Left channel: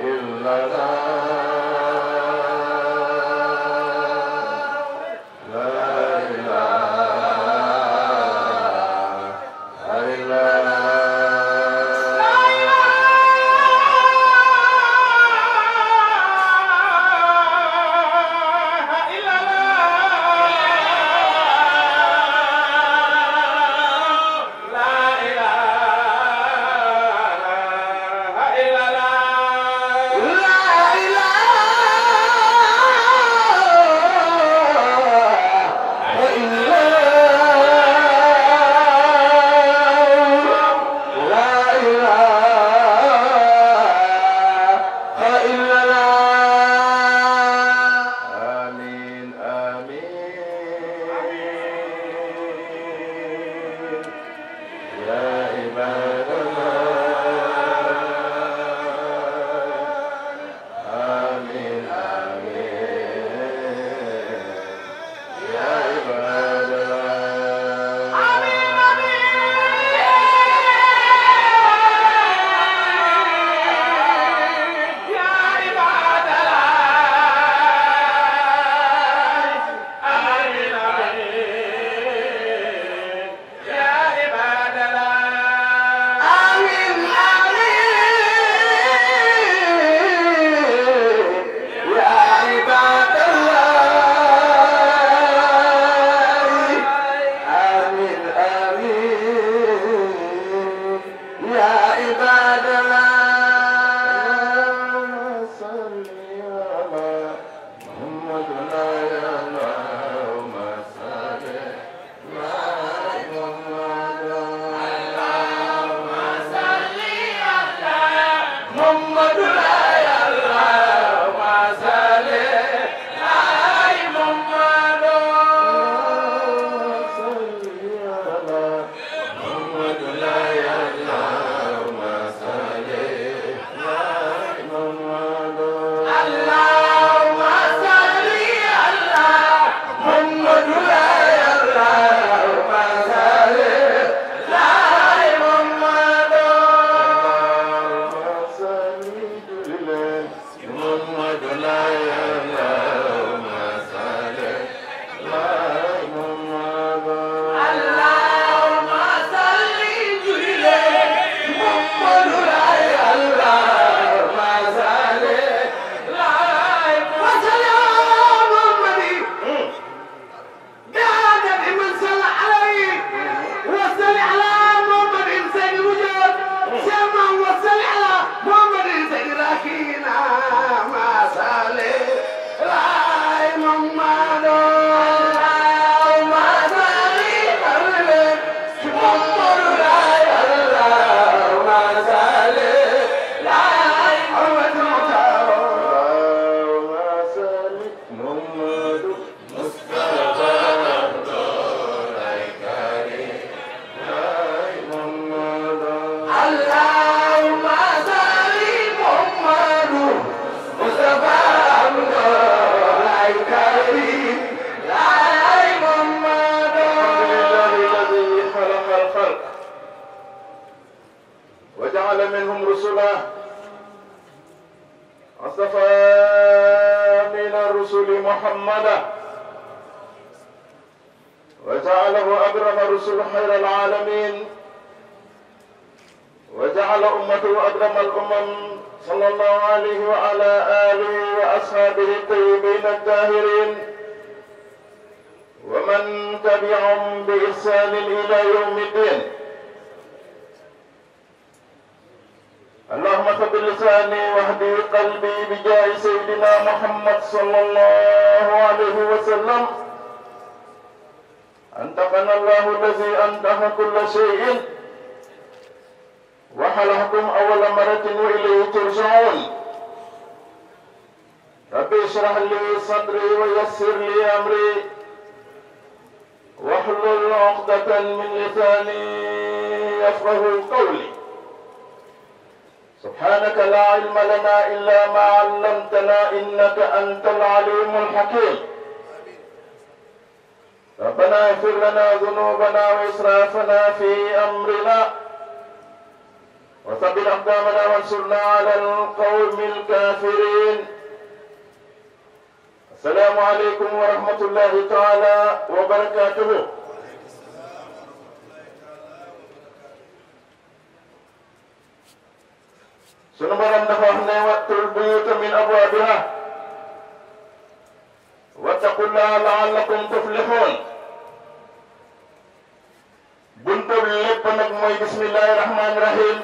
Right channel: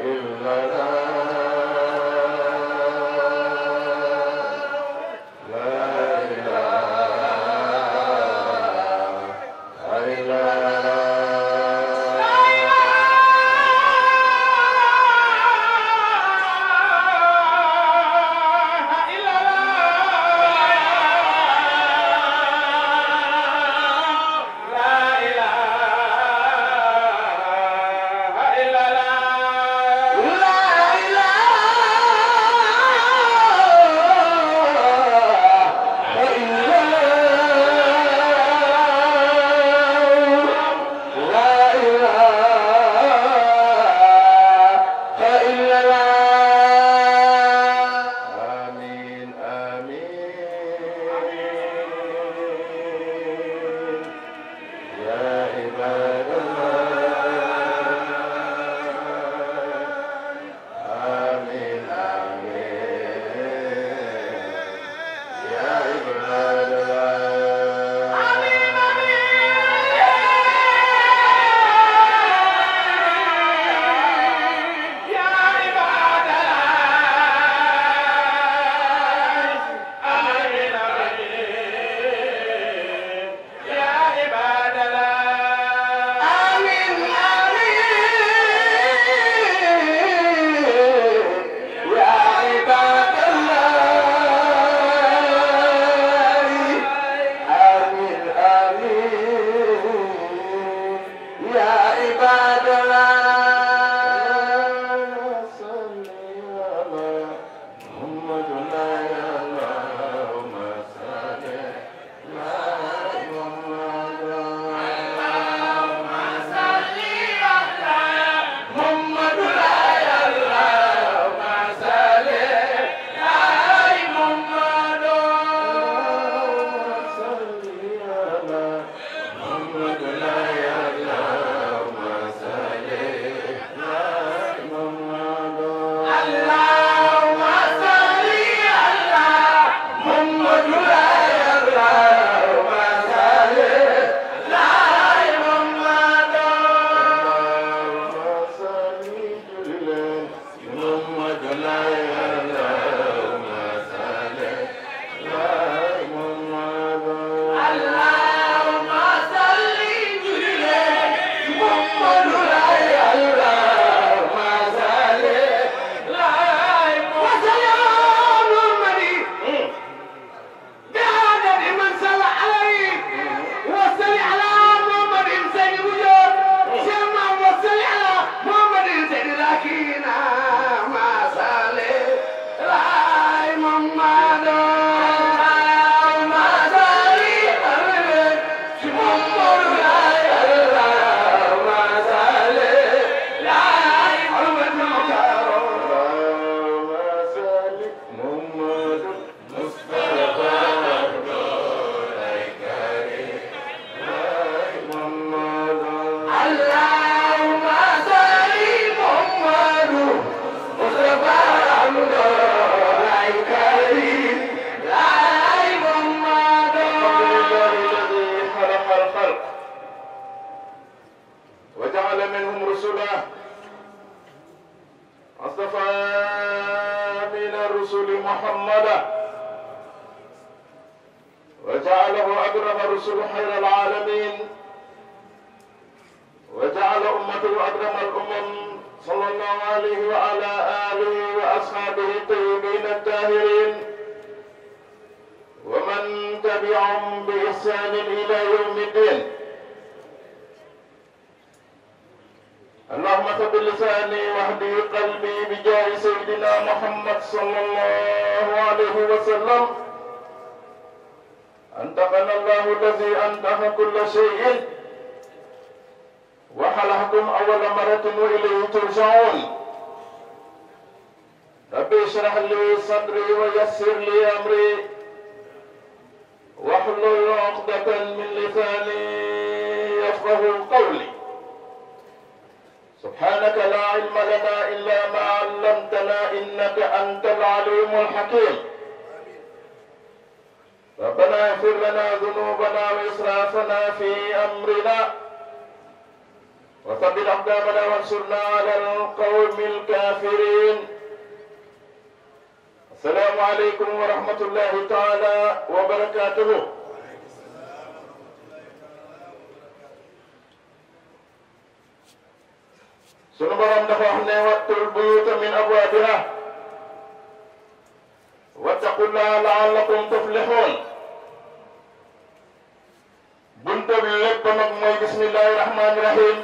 إلا الله لا إله إلا سبحانك لا علم لنا إلا ما علمتنا إنك أنت العليم الحكيم. ربنا اغفر لنا ذنوبنا وإسرافنا في أمرنا وثبت أقدامنا وانصرنا على القوم الكافرين. السلام عليكم ورحمة الله تعالى وبركاته. sunu borom dafa wax ne wattul buyuuta min abwaabiha wattaqullaha la'allakum tuflihun. bunta bi lépp nag mooy bismillahi rahmaani rahim.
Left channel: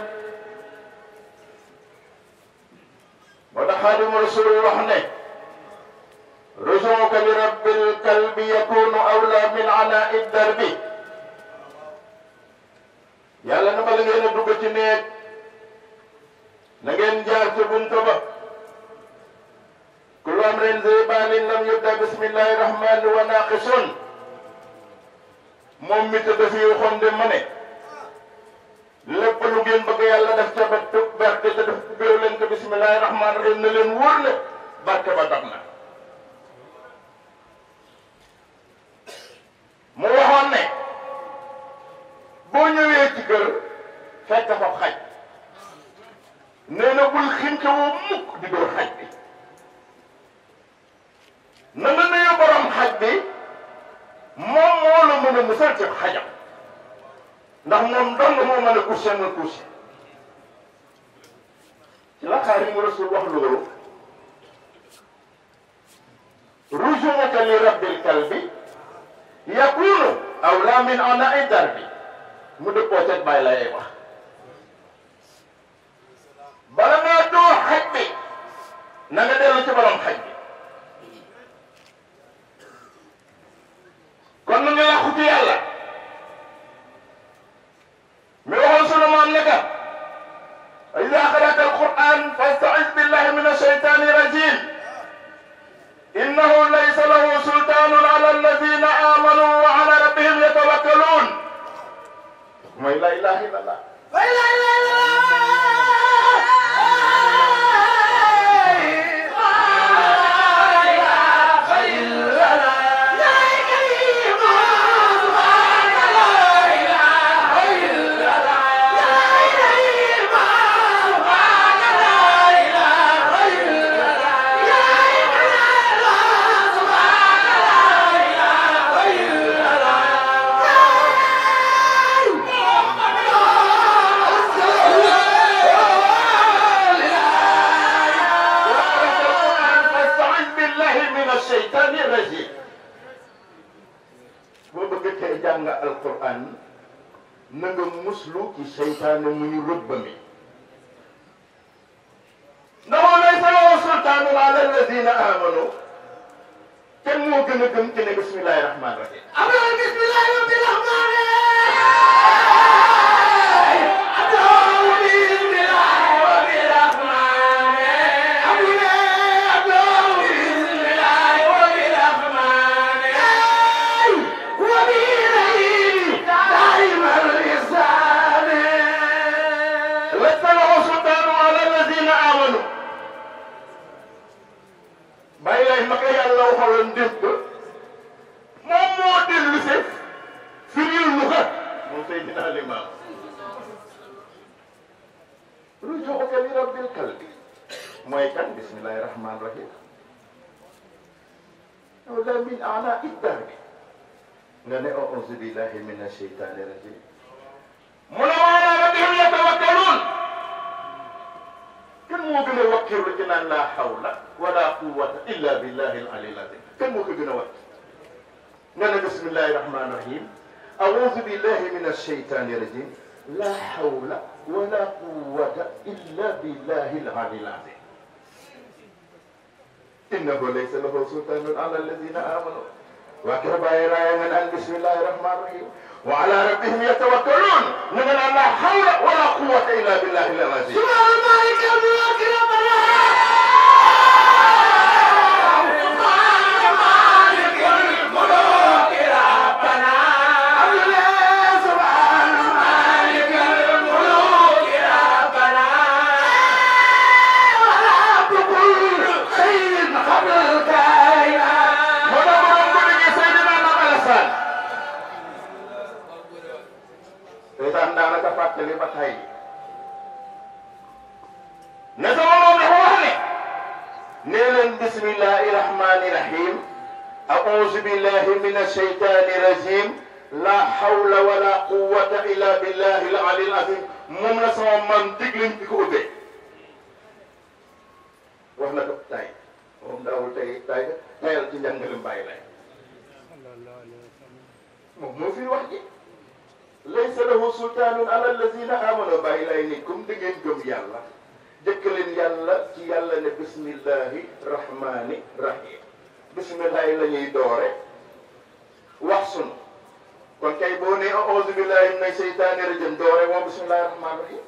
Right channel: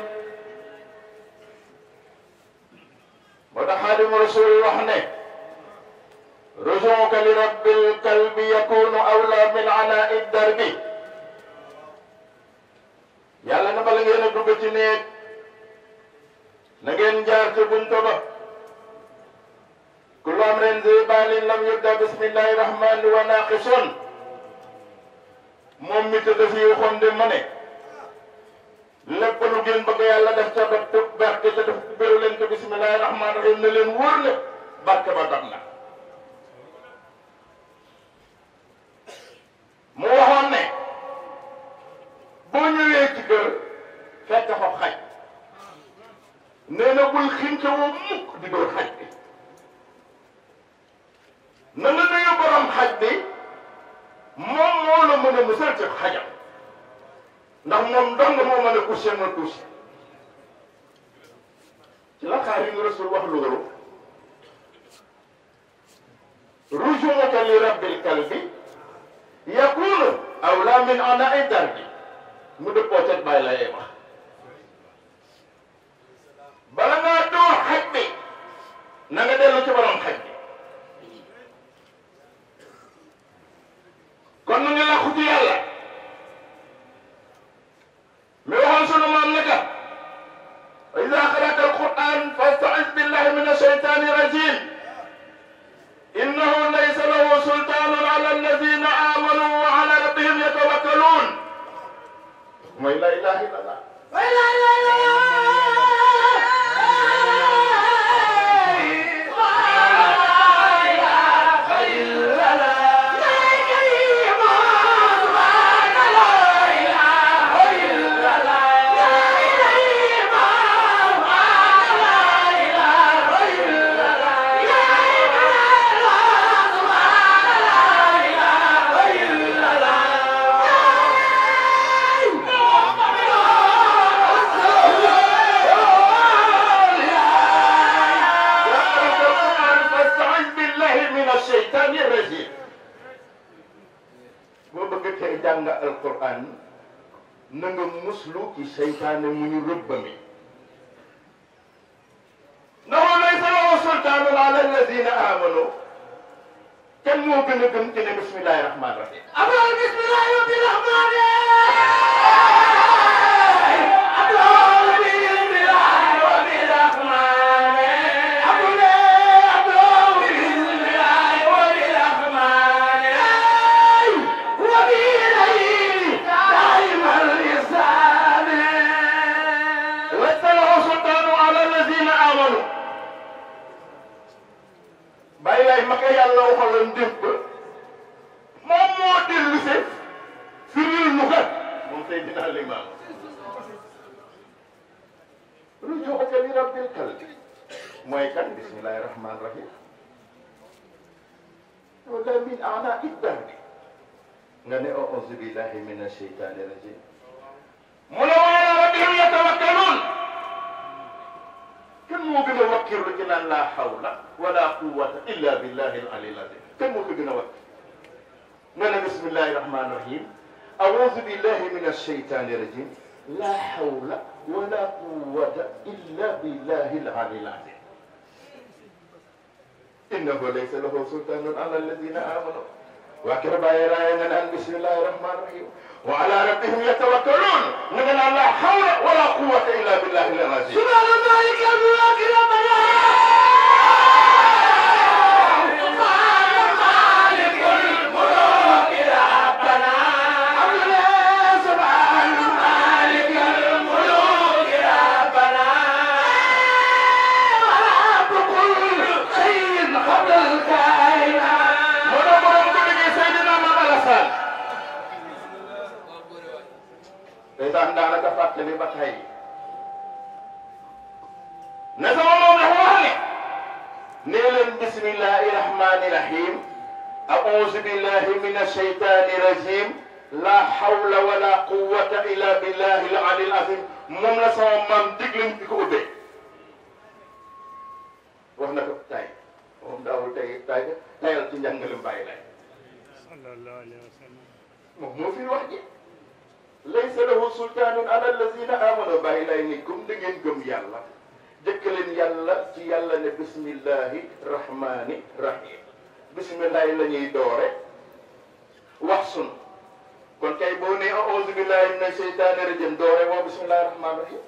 moo tax Xaadimu Rasuul wax ne rujuuka li rabbil kalbi yakunu awla min anaa'i darbi. yàlla na bala ngeen a dugg ci néeg na ngeen jaar ci bunta ba. kullu amrin zibaanin lam yubda bismillahi rahmaani wa naaqisun. moom mi tëdd fi waxoon de ma ne lépp lu ngeen bëgg yàlla def ca ba barke te def béréw leen ko bismillahi rahmaani rahim na leen wóor ne barke ba dab na. mu waxoon ne boo ñëwee ci kër fekk fa xaj nee na bul xinte woo mukk di dóor xaj bi. na nga nuyu borom xaj bi moom moo la mën a musal ci xajam ndax moom dong moo mën a couché nga couché. ci la Xaadimu Rasuul wax loolu rujuuka li rabbil kalbi yakunu awla min anaa'i darbi. mu dëppoo teg bàyyi la yey wax bala ngaa dóor xaj bi na nga dellu ci borom xaj bi. kon nu ngi làqu ci yàlla mi waxoon sunu maam ne ka iza qara'ta al-Qur'an fasta'iz billahi min ash-shaytani rajim innahu laysa lahu sultanun ala alladhina amanu wa ala rabbihim yatawakkalun. mooy la ilaha illallah. boo bëgg tey jàng alquran na nga muslu ci seytaane mu ñu rëbbami. ndax laysa lahu sultaanun ala alladina amanu. kenn moo gën a gëm ci ne bismillahi rahmaani rahim. amul bismillahi rahmaani bàyyi laay ma ko yàlla waxaloon dégg ba moom moo dellu si firil mu kat moom Seydina Limaam rujuuka li rabbil kalbi mooy kan bismillahi rahmaani rahim awla min anaa'i darbi nga ne a'uuzu billahi mina shaytaani rajim mu ne wa alaa rabbihim yatawakkaluun. kenn moo gën a wakkirlu ci naan laa hawla wala quwwata illa billahi al-aliyyil azim. kenn moo ko gën a wakk nga ne bismillahi rahmaani rahim a'uuzu billahi mina shaytaani rajim laa hawla wala quwwata illa billahi al-aliyyil azim. innahu laysa lahu sultaanun ala alladina amanu. waa kër bàyyi raaya nga naan bismillahi rahmaani rahim wa ala rabbihim yatawakkaluun nga naan laa hawla wala quwwata illa billahi al-azim. seytaan daanaka fàttali ba tey بسم الله الرحمن الرحيم أعوذ بالله من الشيطان الرجيم لا حول ولا قوة إلا بالله العلي العظيم moom la sama maam digluñ di ko ubbee wax na ko tay moom daawul tay tayal ci njàngalem bàyyi lay moom moo fi wax ji laysa lahu sultaanun ala allazina amanu bàyyi lay ni comme da ngeen gëm yàlla jëkk leen yàlla ci yàlla ne bismillahi rahmani rahim bismillahi la ñuy doore wax sunu kon kay boo nee a'uuzu billahi mina sheytaani rajim doore woo bismillahi rahmani rahim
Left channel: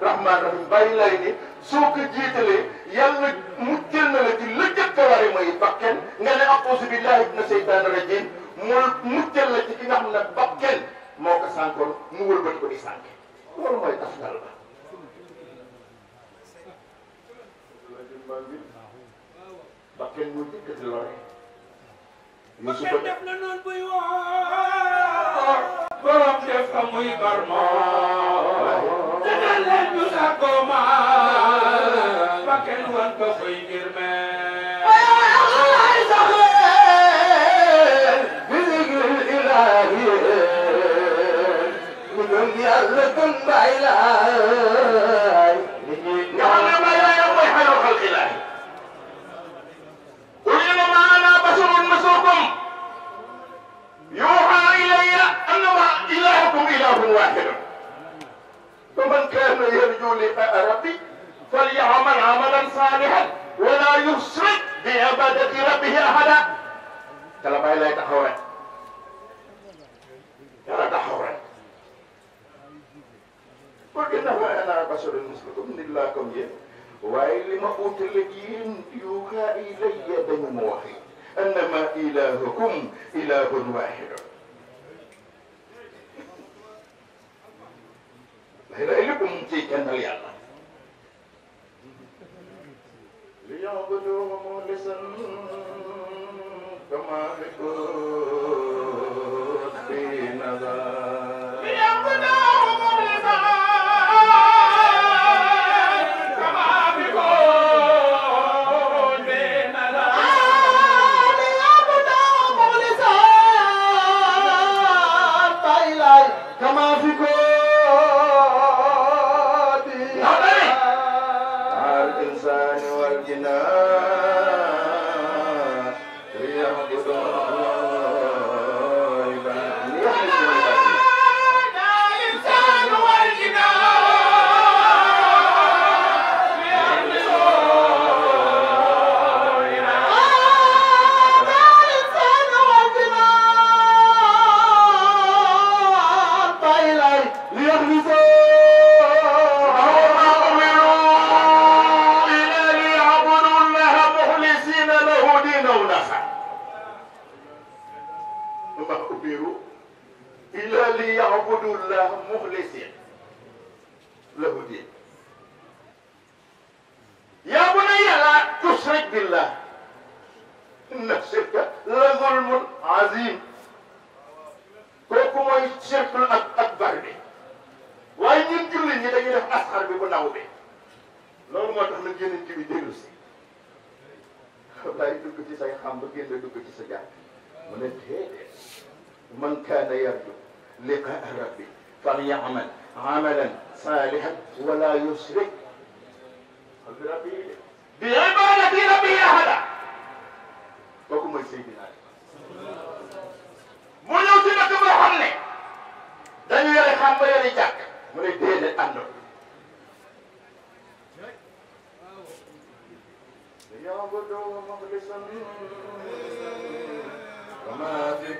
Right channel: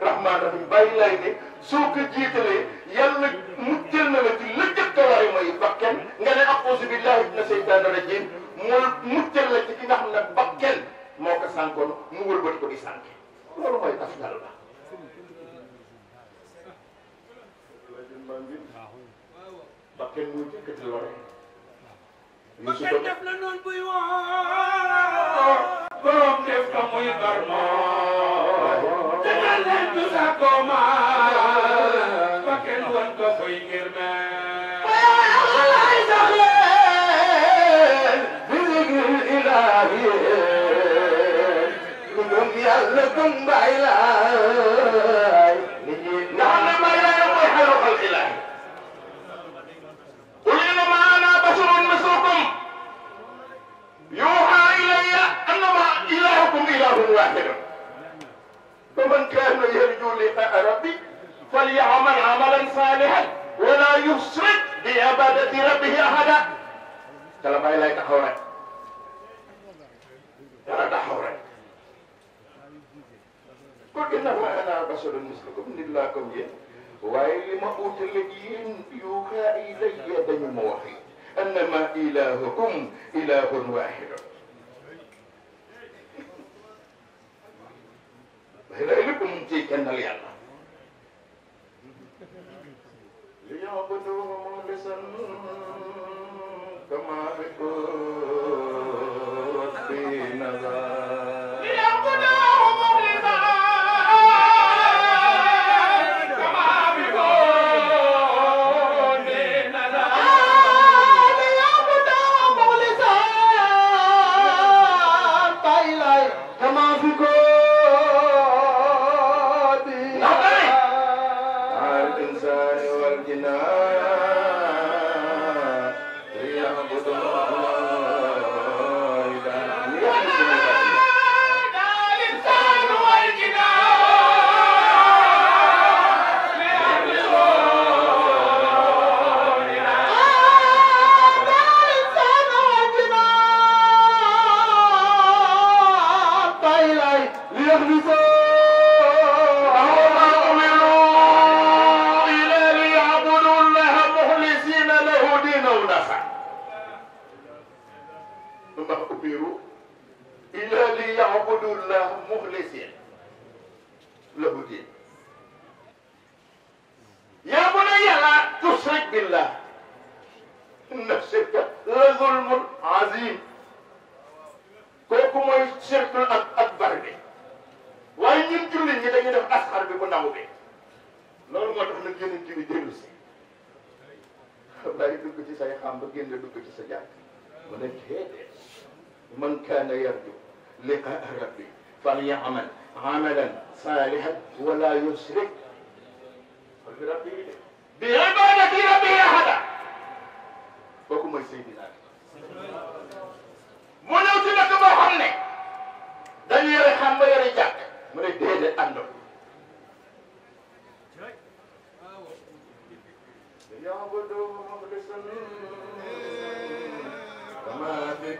rahmaan rahim bàyyi lay ni soo ko jiitalee yàlla muccal na la ci lëkkët kawari mooy bakken nga ne a'uuzu billahi mina seytaani rajim mooy muccal la ci ki nga xam ne bakken moo ko sànkoon mu wëlbati ko di sànke loolu mooy tas yàlla bakken mu jëkkati lore bakken def la noonu buy woo borom def ka muy barmoo te naan leen ñu sàkkoo maa bakken wan ko koy ngir mee ay saxee bi zikr ilaahi ñu gëm yàlla gëm Baay Laay nga xam ne Baay Laay mooy xayru xalqi Laay qul innamaa ana basharun mislukum yuuhaa ilayya annamaa ilaahukum ilaahun waahidun faman kaana yarjuu liqaa'a rabbihi falya'mal 'amalan saalihan wa laa yushrik bi 'ibaadati rabbihi ahadan kala Baay Laay taxaw rek kala taxaw rek qul innamaa ana basharun mislukum nit laa comme yéen waaye li ma utale yéen yuuhaa ilayya dañu ma wax annamaa ilaahukum ilaahun waahidun lépp mu ciy kennal yàlla li ya'buduuhu mukhlisan kamaa man kaana yarju liqaa'a rabbi falya'mal 'amalan saalihan wa laa yushrik bi 'ibaadati rabbihi ahadan kooku mooy Seydina mu ñëw ci dëkk boo xam ne dañu yore xam ba yore jàkk mu ne déedéet àndoo ya'buduuhu mukhlisan kamaa fi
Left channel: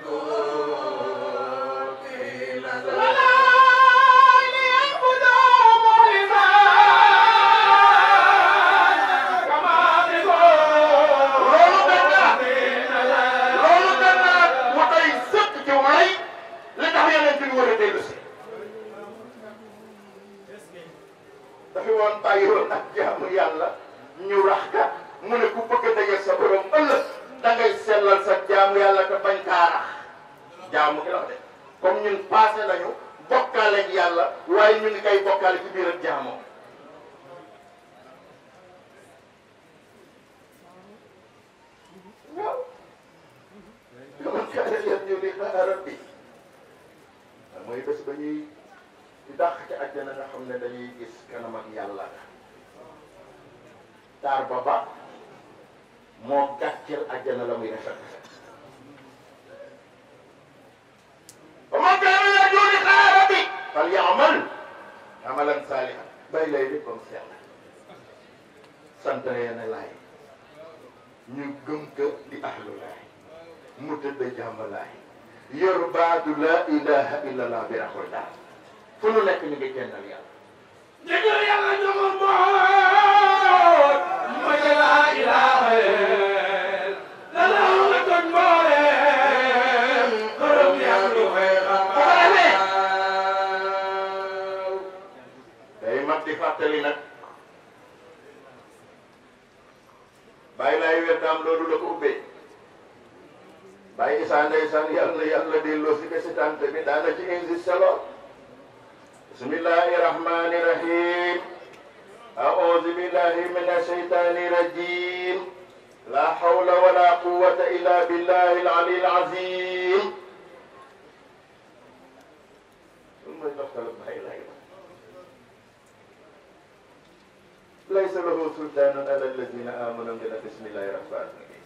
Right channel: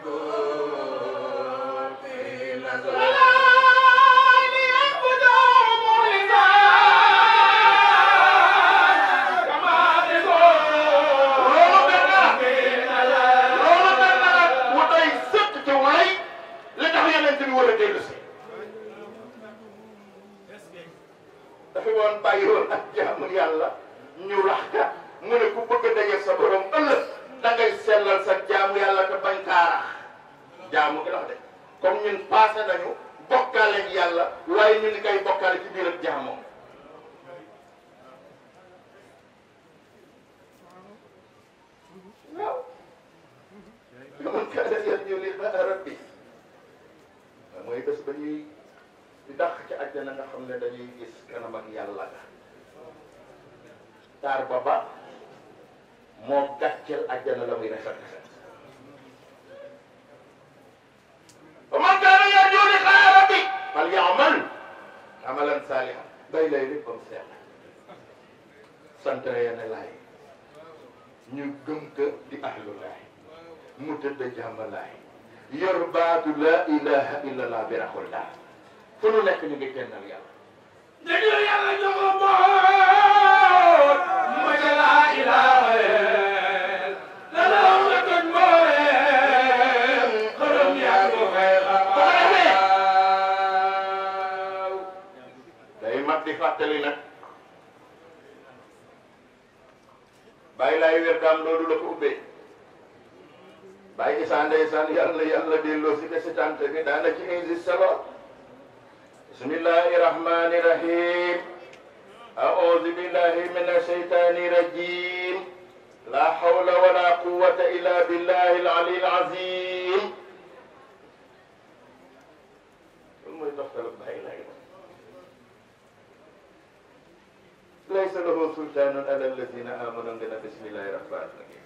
bàyyi woon ak jaamu yàlla ñu rax ka mu ne ku bëgg a daje sa borom ëllëg da ngay sellal sa jaamu yàlla te bañ kaa rax jaamu gi la de comme ñun passé nañu bokkaale ak yàlla waaye ñu ngi koy bokkaale ci biir ak jaamoo waaw man kaana yarju liqaa'a rabbi mooy bés ba ñuy di dàq ci àjjana nga xam ne dañuy gis kanam ak yàlla taar ba ba moo gàcceel àjjana la muy rafet wa man kaana yarju liqaa'a rabbi falya'mal 'amalan saalihan bay lay léppam sell sant yene laay ñu gëm ko di ahlu laay mu tëdd jàmm laay yor baatu la ilaha illallah bi raxul daal fu nu nekk ñu ngi kennal yàlla nag di fàttali nag bàyyi laay wér daam loolu la ko ubbee bàyyi Isaa ndeysaan yàlla delloo si ke si tante bi daana ci insisté lool bismillahi rahmani rahim a'udhu billahi minash shaytani rajim la hawla wala quwwata illa billahi al-ali al-azim mooy taxtala bàyyi laay laysa lahu sultanun ala alladhina amanu ngeen bismillahi rahmani rahim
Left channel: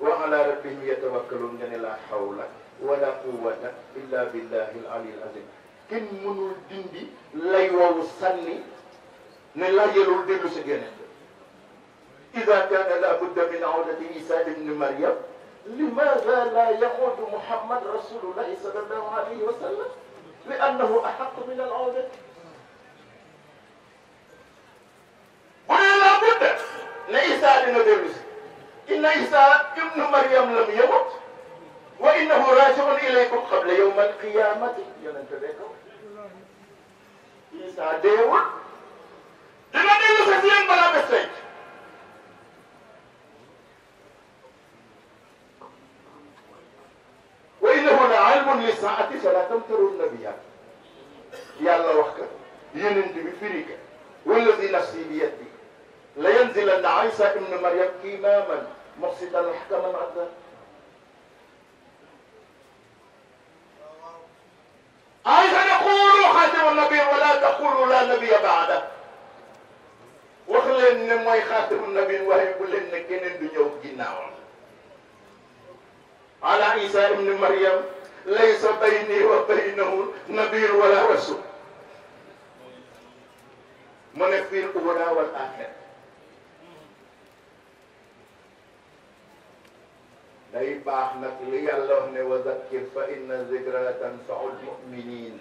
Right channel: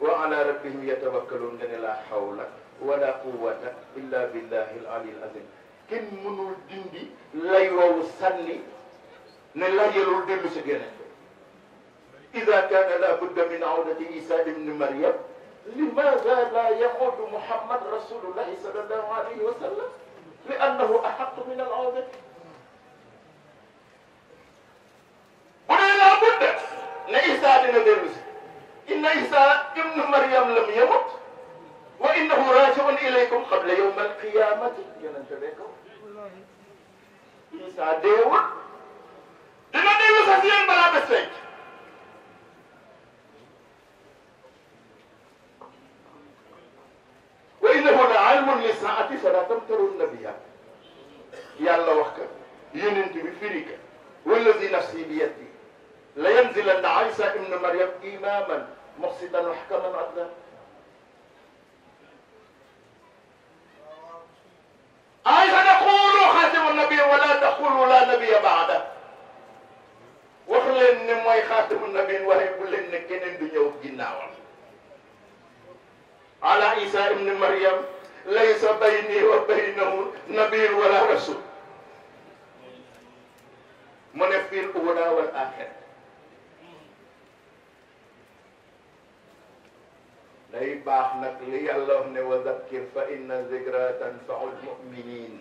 wa ala rabbihim yatawakkalun ngeen la hawla wala quwwata illa billahi al-ali al-azim kenn mënul dindi lay woowu sànni ne la yelul dellu si geneen ida kaana la budda min awdati isa ibni maryam limaada la yaxudu muhammad rasulullahi sallallahu alayhi wa sallam li annahu ahaqu min al awdati bu dee la budda ne isa dina dellu si inna isa ibnu maryam lam yamut wa innahu rajiun ilaykum qabla yawm alqiyamati yonente bee ko isa deewul dina dellu sa si yéen balaa bés tey wa innahu la ilmun li saati fala tamtarunna biha yàlla wax ka yonent bi firi ka wallazi nafsi bi yadi la yanzilanna Isa ibnu Maryam imaman muqsitan muhkaman adlan Isa taqulu xaatimu nabi wala taqulu la nabiya baada wax leen ne mooy xaatimu nabi waaye bu leen ne keneen du ñëw ginnaawam ala Isa ibnu Maryam laysa bayni wa baynahu nabiyyun wala rasul mu ne fil ula wal axira day baax nag li yàlla wax ne wa zakkir fa inna zikra tanfaul muminin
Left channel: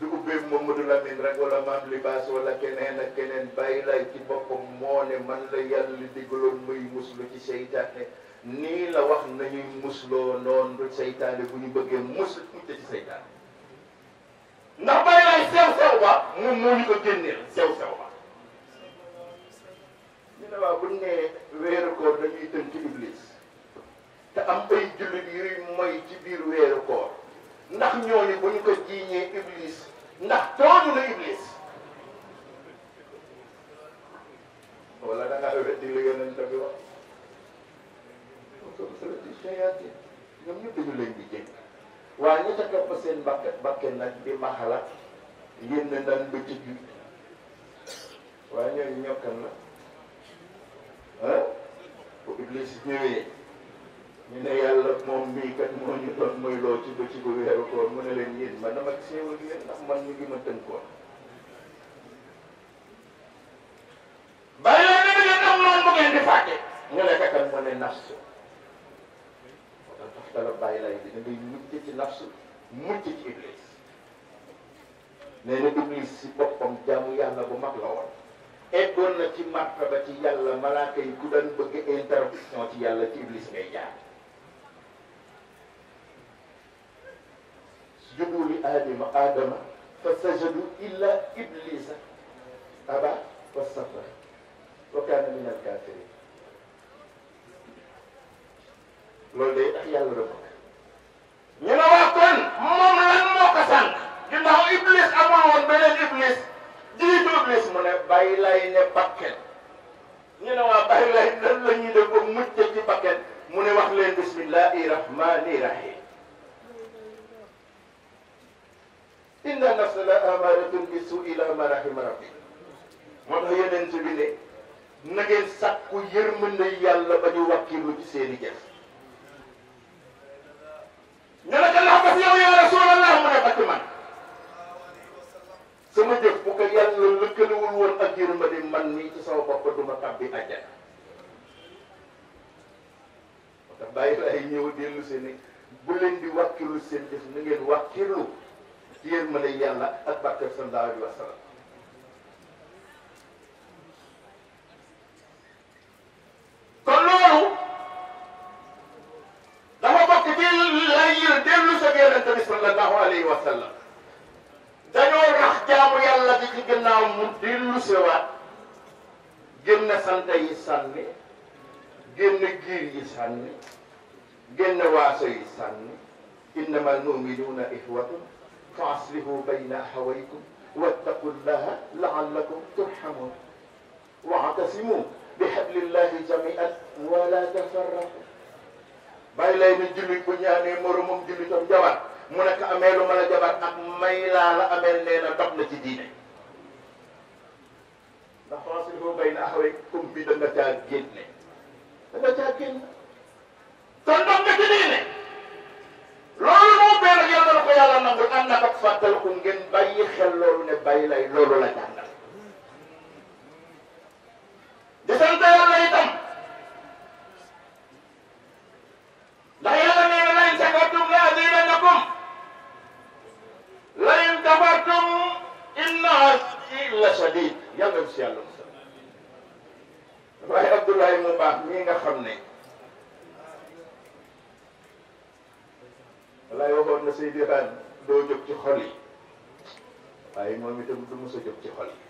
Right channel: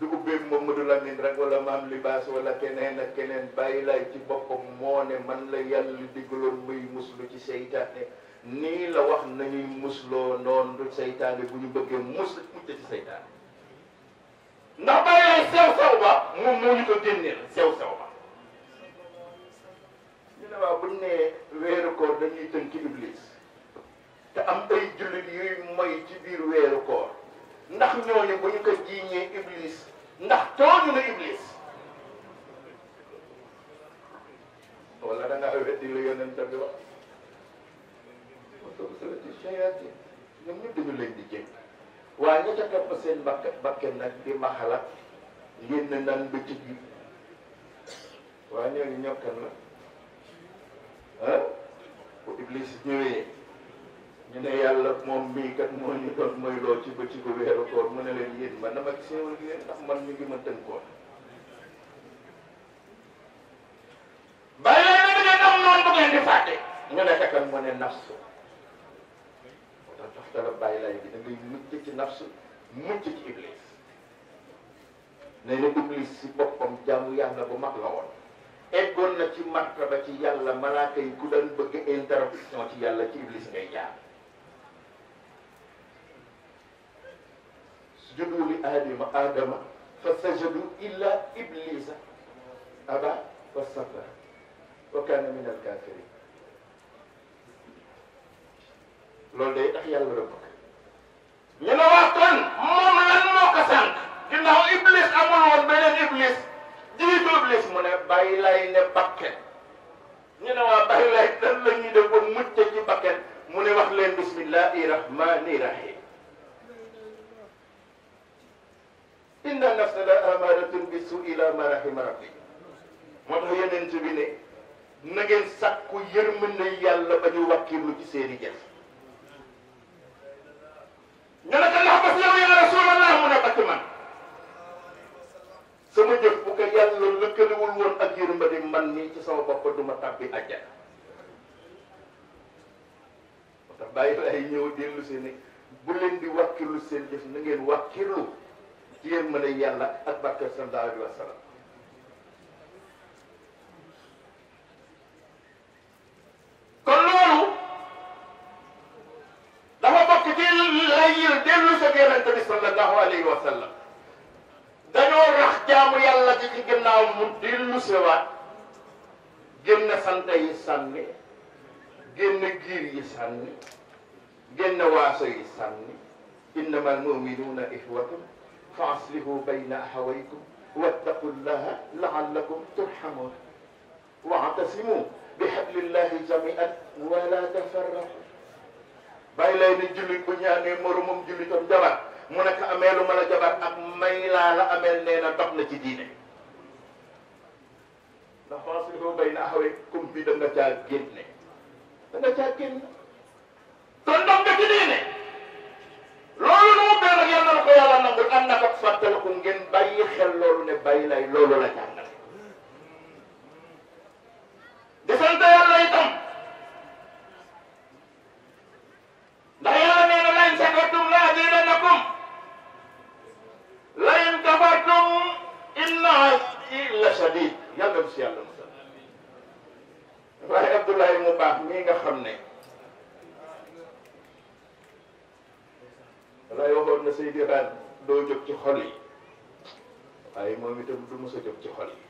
du ubbee Mamadou Lamine rek wala maam libaas wala keneen ak keneen bàyyi lay ci boppam moo ne man la yàlla digaloon muy muslu ci seytaane nii la wax nañuy musloo noonu du seytaane bu ñu bëggee mucc ci seytaane ndax bàyyi lay sew ba moom moo ñu ko génneel sew ba ñu ne waaw buñ nee weeru koor dañuy tënk ci iblis te am ay jullit yuy moy ci biir weeru koor ndax ñooñu bu ñu ko jiiñee iblis ndax tooñu la iblis wala da ngaa weddi li yonent bi wax ñoom ñëpp dañu leen di jënd waaye ñi ca topp seen bakken nag di maxala ngeen ne naan bëccëg bi waaye ñooñu ñokkan la ah bu iblis ñëwee ñu ne yàlla moom mii kat moo ñu doon mooy loo ci bëccëgu weeru koor mu ne leen yéen man dama ci séewal yéen ndax man mi ngi ma tënkoon bàyyi leen nag ngeen am noonu bu ngeen di fàtte ñu ne kan mu ne nafsu tax la bàyyi lay bi da ngay mucc ci nafsu mucc ci iblis nee na iblis si boppam jaamu yàlla bu mag la woon eggoon na ci martaba ci yàlla malaaka yi ku daan bëgg interruption ci yàlla ci iblis ngay jaar sujudu li aadama fa sajadu illa iblisa aba wastakbara wa kaana min al-kaafiriin loolu day tax yàlla rëbb ñu ne waa kon moom lan moo ko sànq ginnaaw iblis amul woon beneen iblis jiitu iblis mu ne bàyyi lay ne bakken ñu ne waa bàyyi lay lan la ñuy def ba mucc ci bakken mu ne wax leen bismillahi rahmani rahim inna nafsa la amaratun bi su ila ma rahima rabbi moo tax yeneen ci bi ne na ngeen sàkku yërmande yàlla ba ñu wàkkilu ci seeni jëf ñu ne ko ndax bas yow ya rasulallah mu ne bakk man sama jëf bu ko yàlla lëkkalewul woon ak yërmande man nii ci sama bopp duma tàbbi àjjana moo tax bàyyi ay ñëw dellu si ne bu leen di wàkkilu seen jëf na ngeen wàkkilu ci yërmande yàlla ak barke sallallahu alayhi wa sallam kon loolu dafa bokk ci lay dellu sa yonent bi sallallahu alayhi wa sallam dañoo rax jaamu yàlla ci ginnaaw mu dellu sewaat génn sante yi sànni génn giir yi sànni génn waaso yi sànni innama almuminuuna ixwatun fa aslihu bayna axawaykum wattaqu llaha laallakum turhamun waatasimu bi hablillahi jamian wala tafarraqu bàyyi lay ni jullit bu ñaanee moromam jullitam jabar mu nekk amee lu ma la jabar ak may laa la ameel nee na dox na ci diine ndax faaslihu bayna axawaykum bi da nga caa génne da nga caa génne kon dox nga ci diine loolu moo benn yàlla na ko yàlla nangul ànd ak ak fàttaliku ngeen bàyyi xel loolu ne bàyyi lay loolu la jàngal di sant yàlla itam ndax yàlla nee na lain shakartum la azidannakum lain kafartum inna azabi la shadid yàlla si yàlla musal waaye Abdoulaye mu baax mii nga xam ne walaay waxoon na Seydi Raan doo jóg ci xol yi waaye moom itam du mos a jóg ci xol yi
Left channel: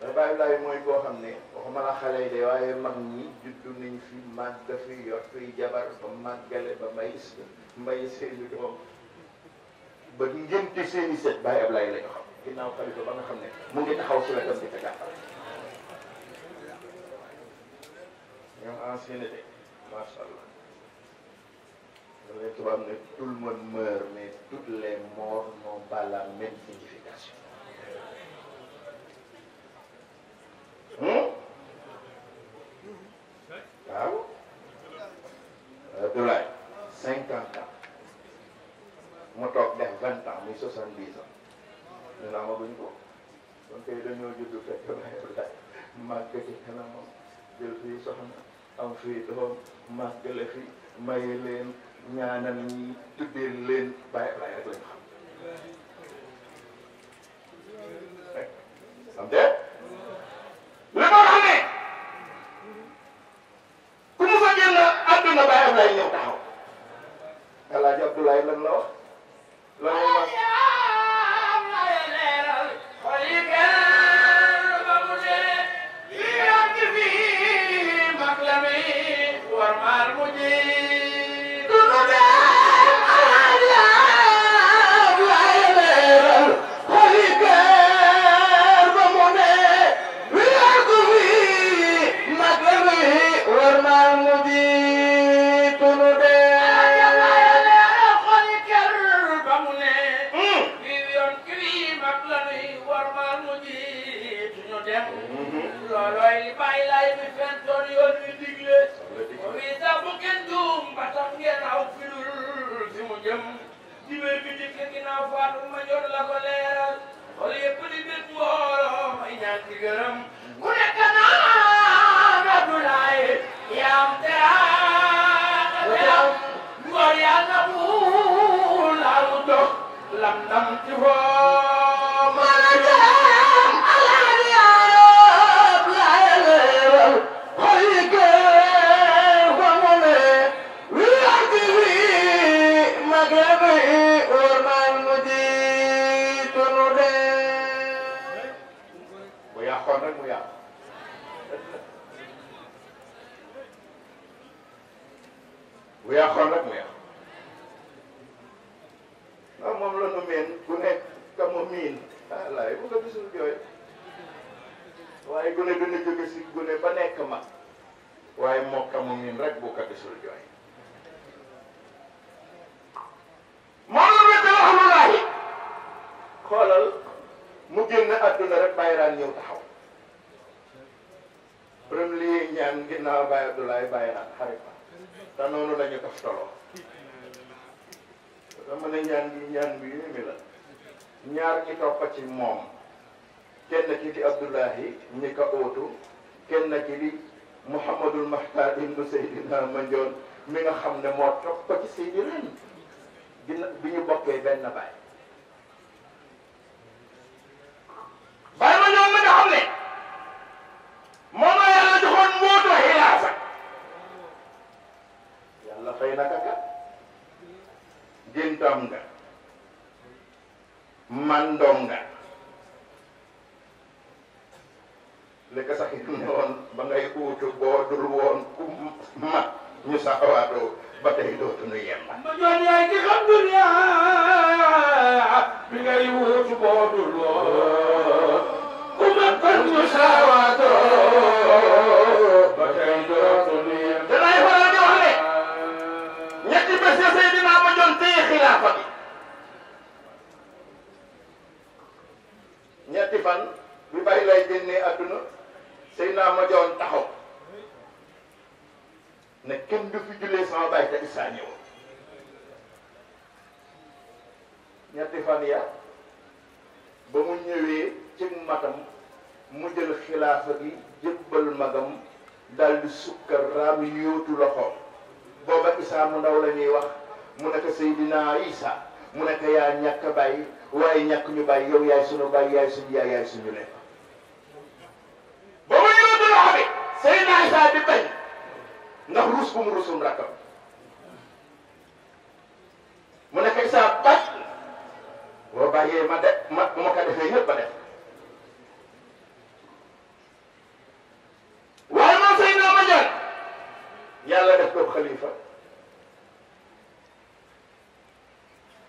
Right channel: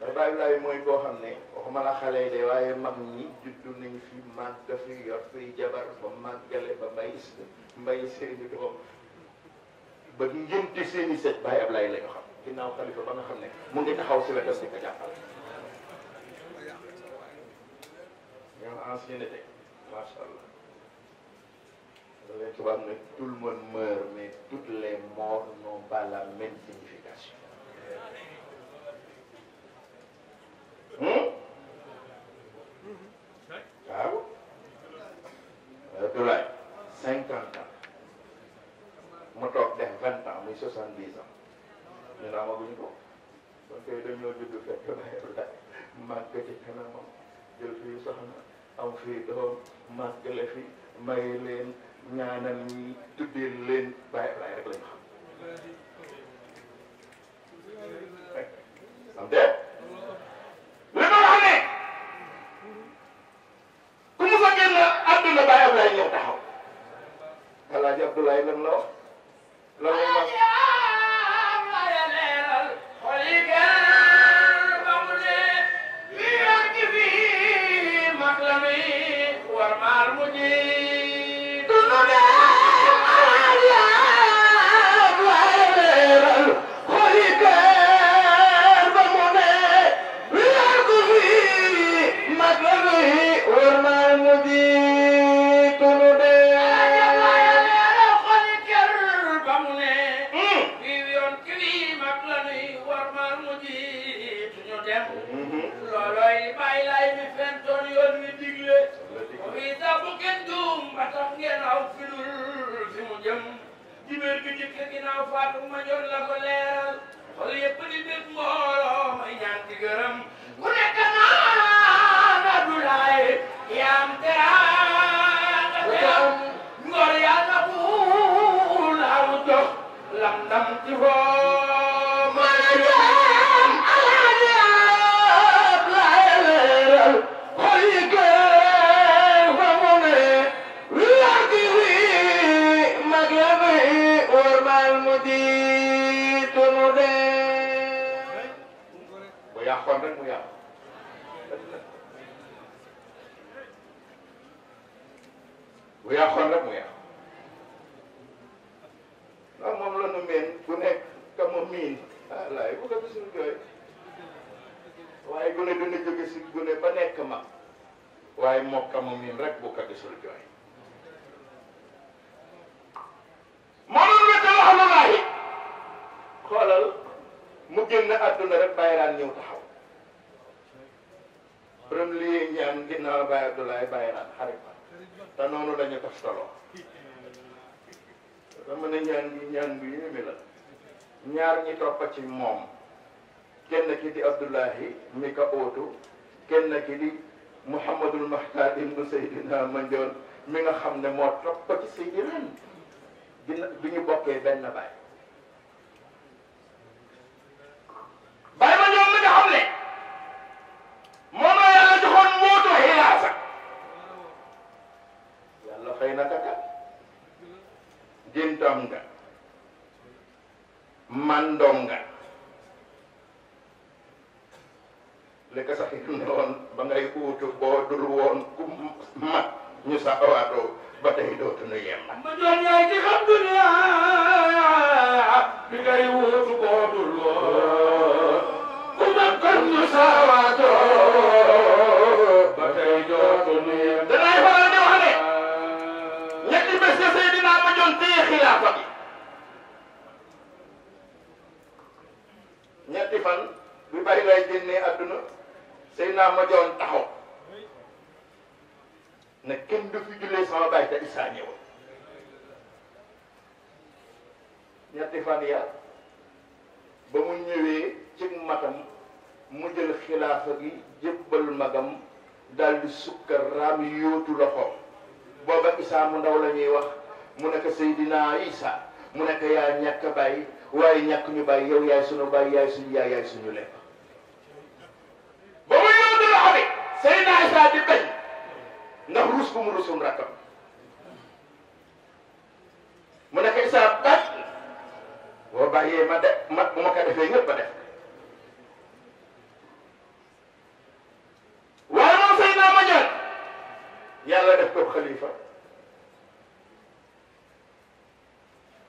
mais bàyyi laay mooy koo xam ne waxuma la xale de waaye mag ñi juddu nañ fi màgg fi yor fi jabar ba màggale ba mbay seeni doom ba ngénte seeni set bàyyi Ablaye lañu xam ginnaaw xalifa ba nga xam ne mu ngi taxaw si wetam di ko jàppale ñoom ancienneté macha allah les tubaab ne tout le monde meurt mais toutes les morts n'ont pas la même signification waaw Abdoulaye 50 ans mu toog def 20 ans muy 70 ans ñu ne amaguñu ko donc dañoo judd fekk Abdoulaye màgg ci kanamam jël fii soxna am fii doom màggale fi maye leen ñaanal ñi tuddee leen bàyyi Ablaye rek lañ xam am de li ma wax ne ku mu fa génn àdduna bàyyi Ablaye ñëw taxaw Alaaji Abdoulaye lan la wax lan la wax bu yàqoon rek mu yàq ndax moom la nu meen ku nekk ka ma miin laay bu ko gisul jooy waaye gune dana jóge si gune ba nekk mag waaye moo ka ma miin rek bu ko gisul jooy moom la te wax lu laay xoolal mu génn àdduna rek bàyyi raan ñëw taxaw premier ñaan ginnaaw Baye Abdoulaye bàyyi raan xarit te noonu lañu toftaloo dama ne ñaan bi yéeme la ñaar ñi toppa ci moom kenn ki di Abdoulahi ñi ko ootu kenn ki di Mouhamadul Mahtar ibnu Seydina Mandione mi nga xam ne moo toppa ci Seydi ren bi ñu bokkee benn baay Baye Mandione mi nga xam ne moom la yàlla joxoon mootu xilaafa yàlla xëy na kaka géntam nga mandom nga li ko sax ne woon ba ngay uutu boo dul woon ku mat ñu saxawaatoo ba tey dootuñu yem. ma joon yaay ci xam dunya bi ngay uutu boo dul woon ku mat kon ñu saxawaatoo ba tey dootuñu yem. danay faral di wax ne ñetti bés ya Seydina ma joon téye xilaafa bi ñetti fan bi bari lay génnee àdduna Seydina ma joon taxaw ne kenn du fi jullee sama baay te Isaa ñëw ñetti fan ya ba mu ñëwee ci matam mu jël xilaafa gi jébbal magam daldi sukkar raam yóotu loxo booba Isaa mu ndaw la ñuy wax mu nekk Seydina Isaa mu nekk yaa ñàkk bàyyi waaye ñàkk ñu bàyyi yow yaay sunu bàyyi yaay suñu yaay yaay suñu lekk ba mu yóotu loxo bi Seydina Isaa di bañ ndax ruus bu mu rusum rakkam mu nekk Isaa bañ boo bàyyee ma de ma bu ma ko defee ñëpp a def waaye moom Seydina ma joon yàlla def ko xalifa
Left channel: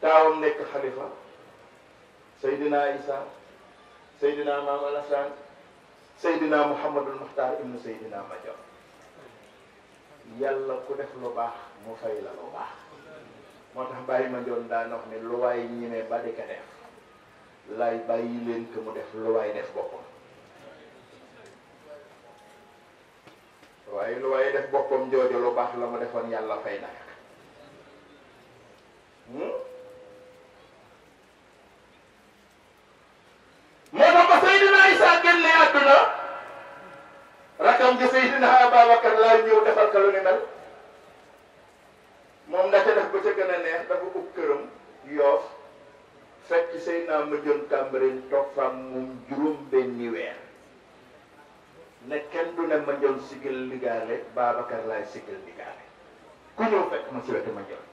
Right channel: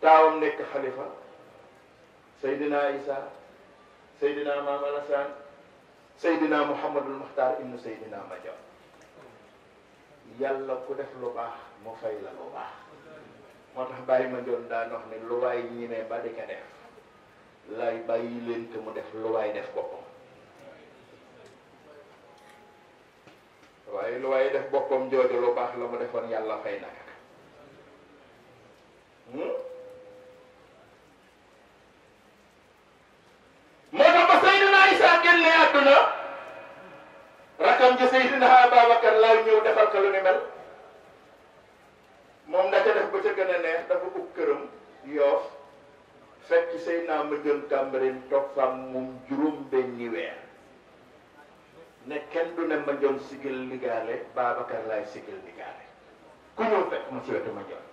taawam nekk xalifa Seydina Isaa Seydina Maam Alassane Seydina Mouhamadul Muxtaar ibnu Seydina ma joon yàlla ku def lu baax mu fay la lu baax moo tax bàyyi ma joon daan wax ne lu waay ñimee ba di ko def lay bàyyi leen ko mu def lu waay def boppam waaye lu waay def boppam jooju lu baax la mu defoon yàlla fay na moo tax ba Seydina Isaa génne àdduna rakam ji Seydina Ababacar laay ñëw defal ko lu ni mel moom nga ca def ba ca gën a neex dafa ub këram Yoof fekk Seydina ma joon Cambérène toog faam moom juróom benni weer ne kenn du ne ma joon sigil ligaale Babacar laay sigil ligaale ku ñëw fekk ma si wetu ma joon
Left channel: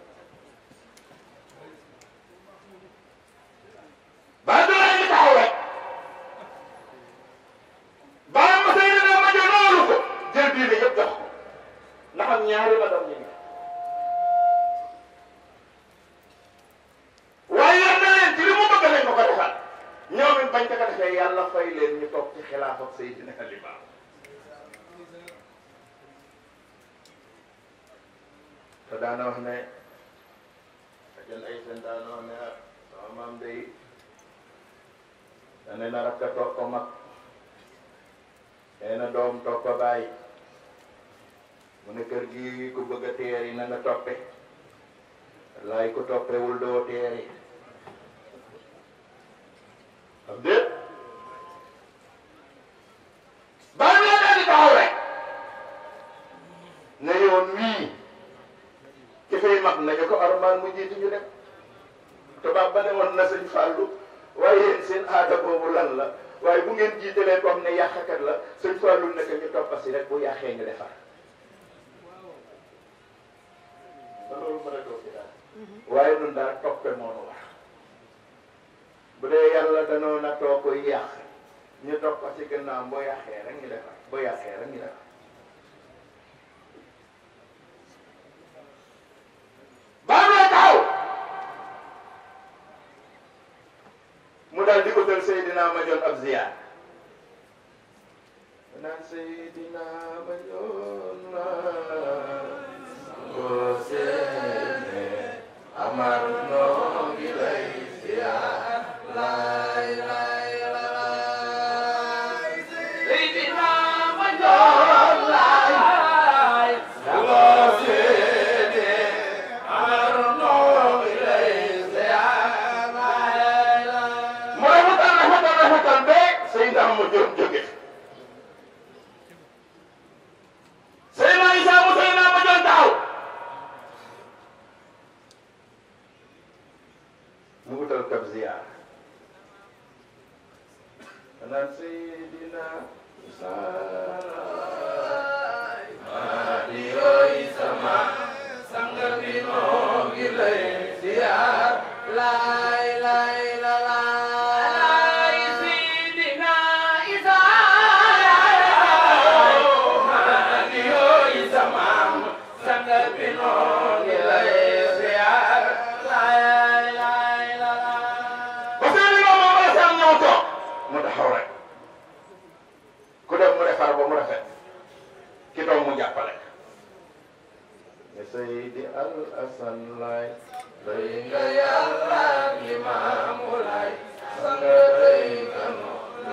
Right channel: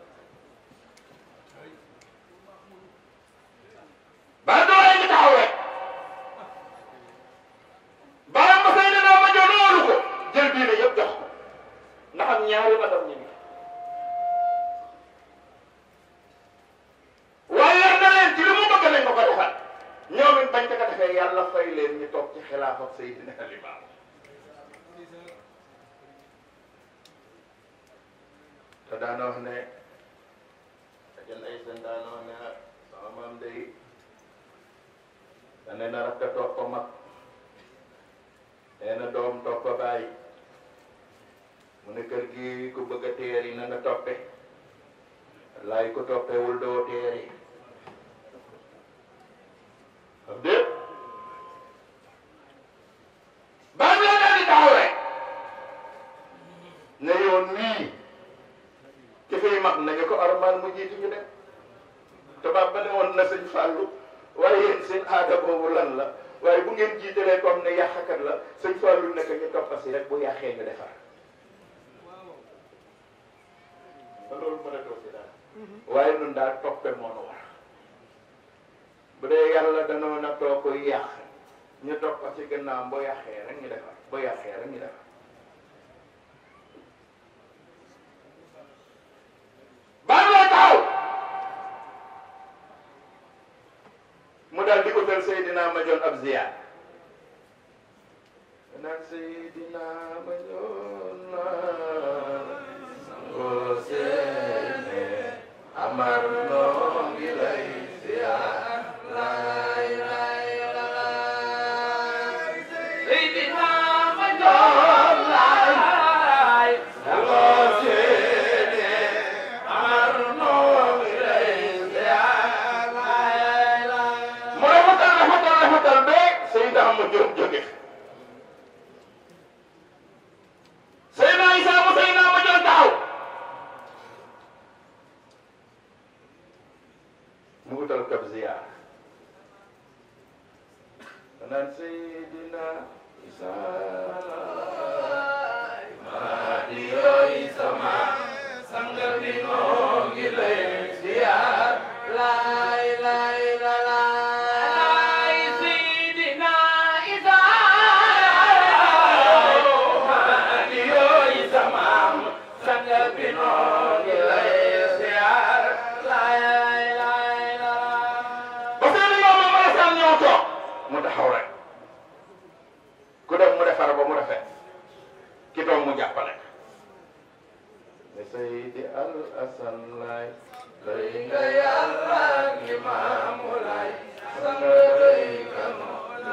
ba doole ñu taxaw rek bala ma Seydina ma joon loolu ko jël diine yëpp jox ko ndax am ñaari ma doom ñi waaye yar na leen ci li mu bëgg lañ ko ko defal ñoom it bañ ko defee yàlla fay leen ñu toog ci xilaaf ak Seydina Limaamu te daana wax ne jën ay seen daana wax ne sama maam day dane na rakk toog ko mag nee na doom toog ko bàyyi mu ne kër gi ku bëgg a teer yi na nga toppe laay ko toppewul doo teer yi xam déet baa loo daal di taxaw rek ne yoon wii ci fay mag nañu ko armal mu jiitu ñu dem tubaab ba ne woon na sëñ Fallou waaye yéen seen aada boobu lan la waaye bu ngeen jiitalee comme ne yàqkat la sëñ Fallou nekk ñu toppasi rek bu yàqee nga defar ba loolu mën a doo ci daal waaye nun daal toppe moonu war bu dee yàlla danoo na too koy yàq ñu toppasi gannaaw boo yàqee rek ñu defar boo yàqee rek ñu defar mu daal di utal Seydina ma joon ab ziyaar naan Seydina ma joon la boo seene amar noo ngi lay ziyaar lay lay lay Seydina ma joon lay boo seene amar noo ngi lay ziyaar lay lay mooy rafetal be Seydina ma joon jóge Seydina Isaa mu Seydina ma joon taxaw mu utal kab ziyaar naan Seydina Isaa maa di yooy sama sanga bi noo ngi lay ziyaar lay lay la lay Seydina Isaa mu taxaw rek ku dem mu defar ba mu rafet ki doom mu jàppale ya Seydi Al Hasan Laay doy nga Yàlla Limaamu Laay nga doy nga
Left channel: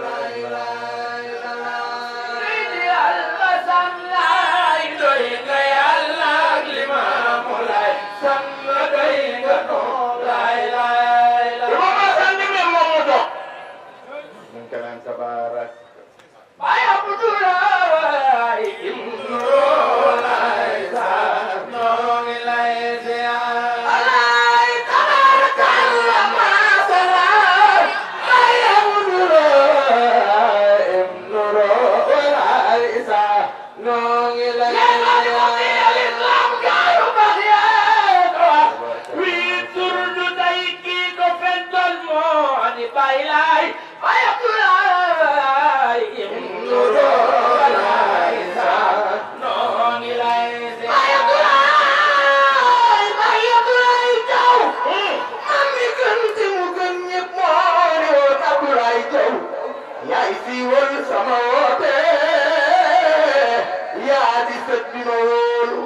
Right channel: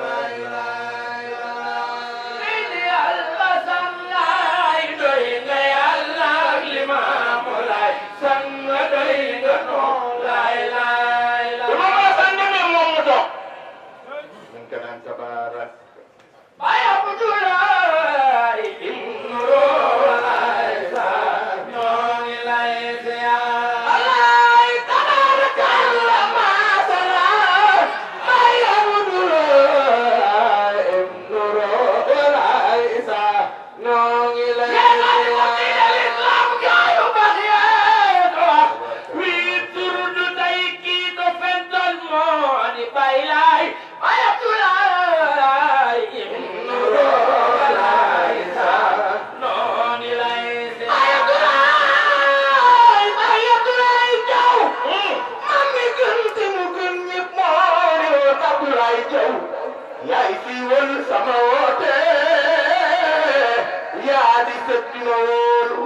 laay laay Seydi Al Hasan Laay doy nga Yàlla Limaamu Laay nga doy nga laay laay Imam Hasan demee moom mu toog mu ngi naan tabaarak Baay Abdoulaay ibnu Laay Saar ñoo ngi lay ziyaar Alaay tabarakallah maasalaam Baay Abdoulaay ibnu Laay Saar ñoo ngi lay ziyaar l'islam gaayu bax yee ko wax wii tur du tey kii ko fental moo di Baay Laay Baay Abdoulaay ibnu Laay Saar ñoo ngi lay ziyaar Baay Abdoulaay Jaw am mi gën te mu gën ñëpp moo Abdoulaay Jaw yaay siiwal sama woote yaa di sët bi ma wóolu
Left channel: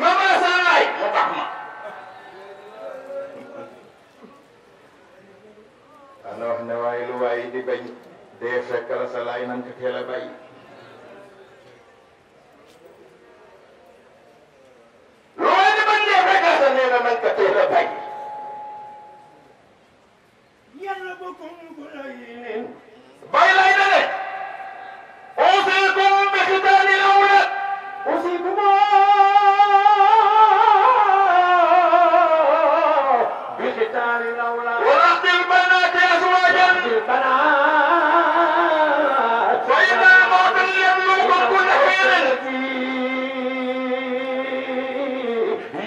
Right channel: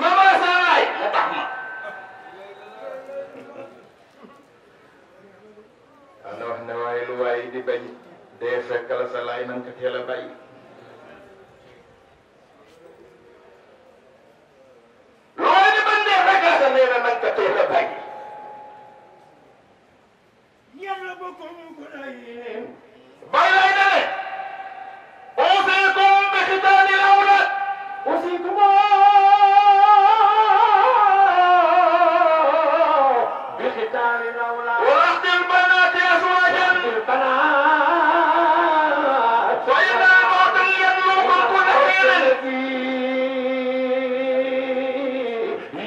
Mama Salaay mu tax ma ana wax ne waaye lu waaye di bañ dee fekk la sa laay nan ko teel a bàyyi lu waaye di bañ dee fekk la sa nee na nan ko teel a bàyyi yàlla bokkum ko lay bàyyi lay na ne أوصيكم بختان الأولاد أوصيكم بختان الأولاد ورد البنات أزواجا البنات فإن الموت يبلغ كل حين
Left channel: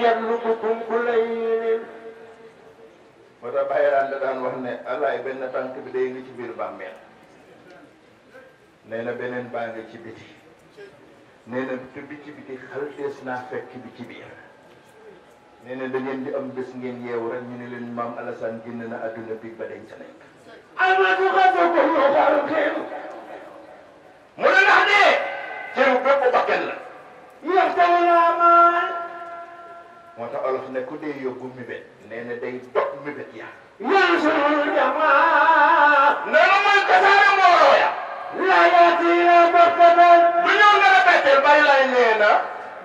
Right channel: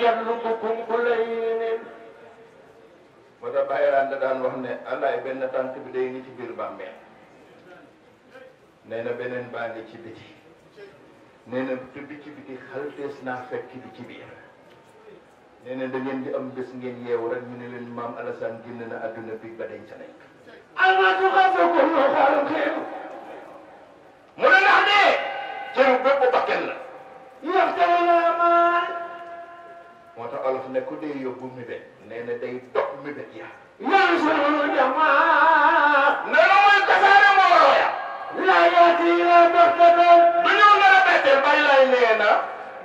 يبلغكم كل حين فتى بايران دان wax ne Allah benn tànk bi day ni ci biir bàmmeel nee na beneen baa ngi ci biti nee na te bi ci biti xaltees naa fekk bi ci biir nee na da ngeen di am bés ngeen yeewu rek ñu ne leen maam Alassane génn na adduna bi ba denc nañ almatu xasakul loo xalqin mu ne ndax dee cëru bépp bakkan la yoxtale laa maan moo tax olof ne ku dee yóbbu mibét nee na day dog mibét ya yan sunu jamaa nee na muy kasaare mbooloo ya laayati bokkatal du ñoo nar a betteel Baay Laay nee na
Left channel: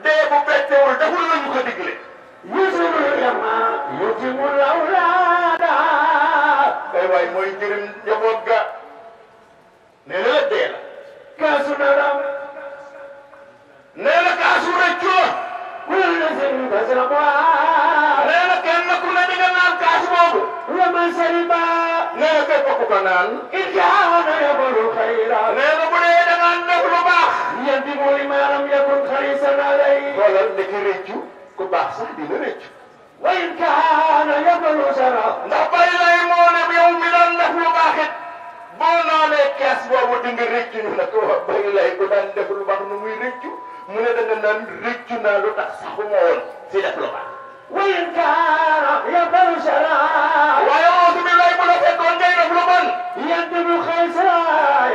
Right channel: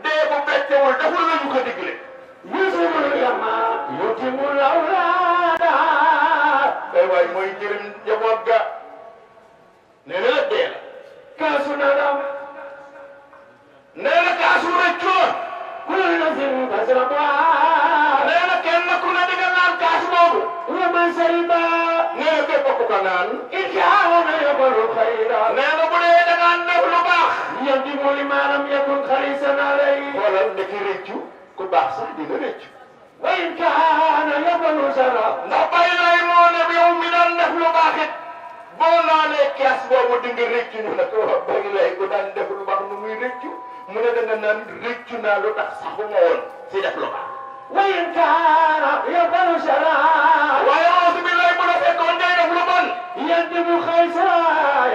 dee bu bettewul deful lu ñu ko digle yusuful yama yutimul awlaada ay waay mooy jëriñ njaboot ga nee na la dee la kaasu naram nee na kaasu rëccoon ku la nasin kasraba nee na kenn ku ne di nga naan kaas boobu wa man sariba nee na képp ku ko naan in kaana yafalu xayra nee na bu dee da ngaan def lu baax yanti mooy maanaam yakun xarisan alay xoolal da ci rëccu ku baax sax di nga rëccu wa in kaana yafalu sara ndax Baay Laay moo ne yow mi daan def lu baax it boo naanee kaas boobu di nga rëccu ñu ne ko Baay Laay ku daan def lu baax nu muy rëccu mu ne da nga naan rëccu naa lu tax saxuma woon si def lu baax wa in kaana yafalu sara waaye auzu billaahi bu la fekkoon ngay def lu bon yent bu xëy sara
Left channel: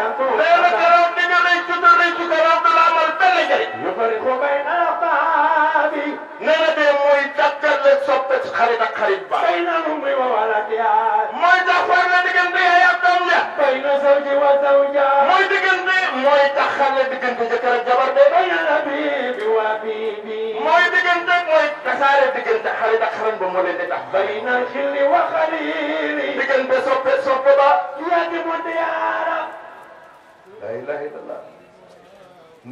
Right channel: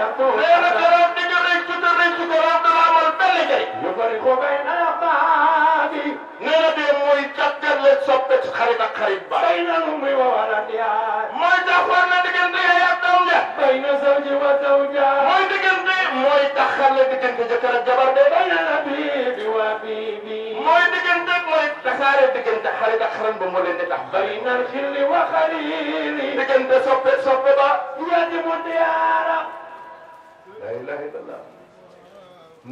yakun nee na keroog di nga rëccu te rëccu keroog du la amal benn njëriñ yu bari ko bay na la baabi nee na dee mooy tàggale soppe ci xarit ak xarit ba bay na lu muy wa wala diyaay mooy taxawal na diggante yaay ak doom ja bay na zawji wa zawja mooy diggante mooy taxale diggante jëkkër ak jabar de bay na bibi wa bibi mooy diggante mooy tasaare diggante xarit ak xarit ba moo leen di tax bay na xilli wa xalili diggante soppe soppe ba yadi bu diyaara la ilaha illallah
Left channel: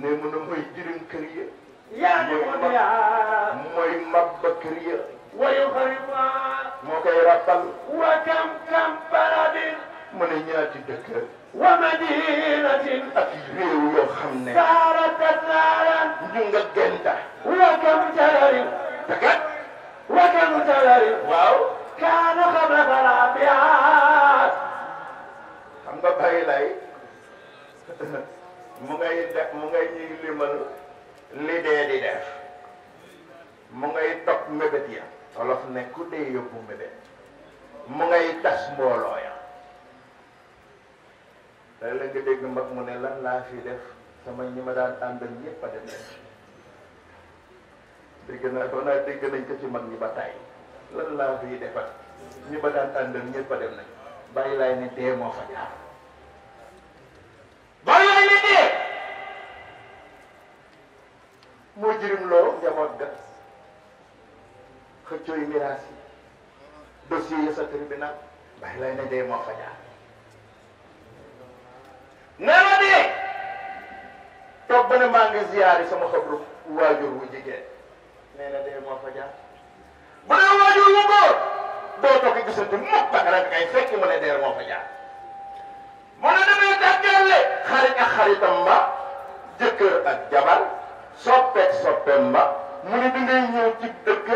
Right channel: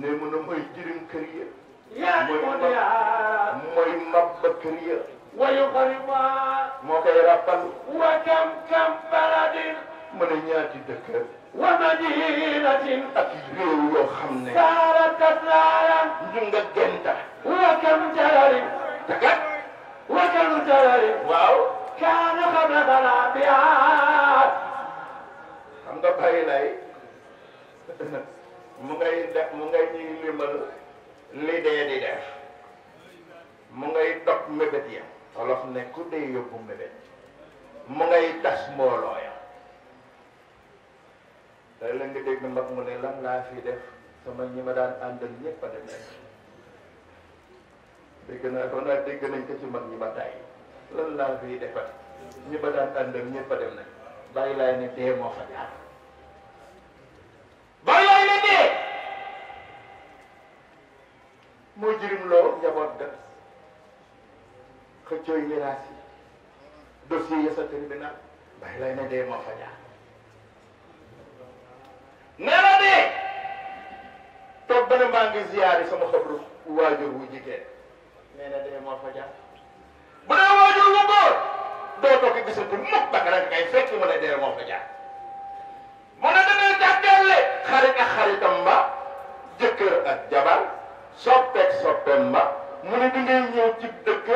ne mu ne mooy jëriñ kër ya yadi bu diyaara mooy mabba kër ya wayu xariba moo koy rappal wa kam kam baladin mu ne ñaati dëkk wa madinatin ak réew yoo xam ne saaratat laalan ñu nga genta wa kam jalarin takat wa kam jalarin waaw kaana xame bala biyaat xam nga Baay Laay mu ngay ñuy limal li dee di def mu ngay dog mébét ya wolof ne ku dee yóbbu mébét mu ngay tas mbooloo ya léeg-léeg nga dégg mbag mu ne lan laa fi def sama ñi ma daan àndal ñëpp a dem dégg naa ko naa dégg nañ ko ci mag ñi ba tàyyi lan laa fi defar ñi ma daan àndal ñëpp a dem na bàyyi laay ne dee moo fa jaar bàyyi laay ne dee moo jirim loo njaboot ga xëccooy miraas yi dossier yi sa tribunal bàyyi laay ne dee moo fa jaar nee na dee toog ba ne maa ngi ziyaari sama xabru waajur wu jigéen nee na dee moo fa jaar bu dee waajur wu góor doo toog gisatu mukk ak rek kay fekk mu ne dee moo fa jaar mu ne damay tàggale xarit ak xaritam ba jëkkër ak jabar soppeek soppeem ba mu ne dangay ñëw ci dëkk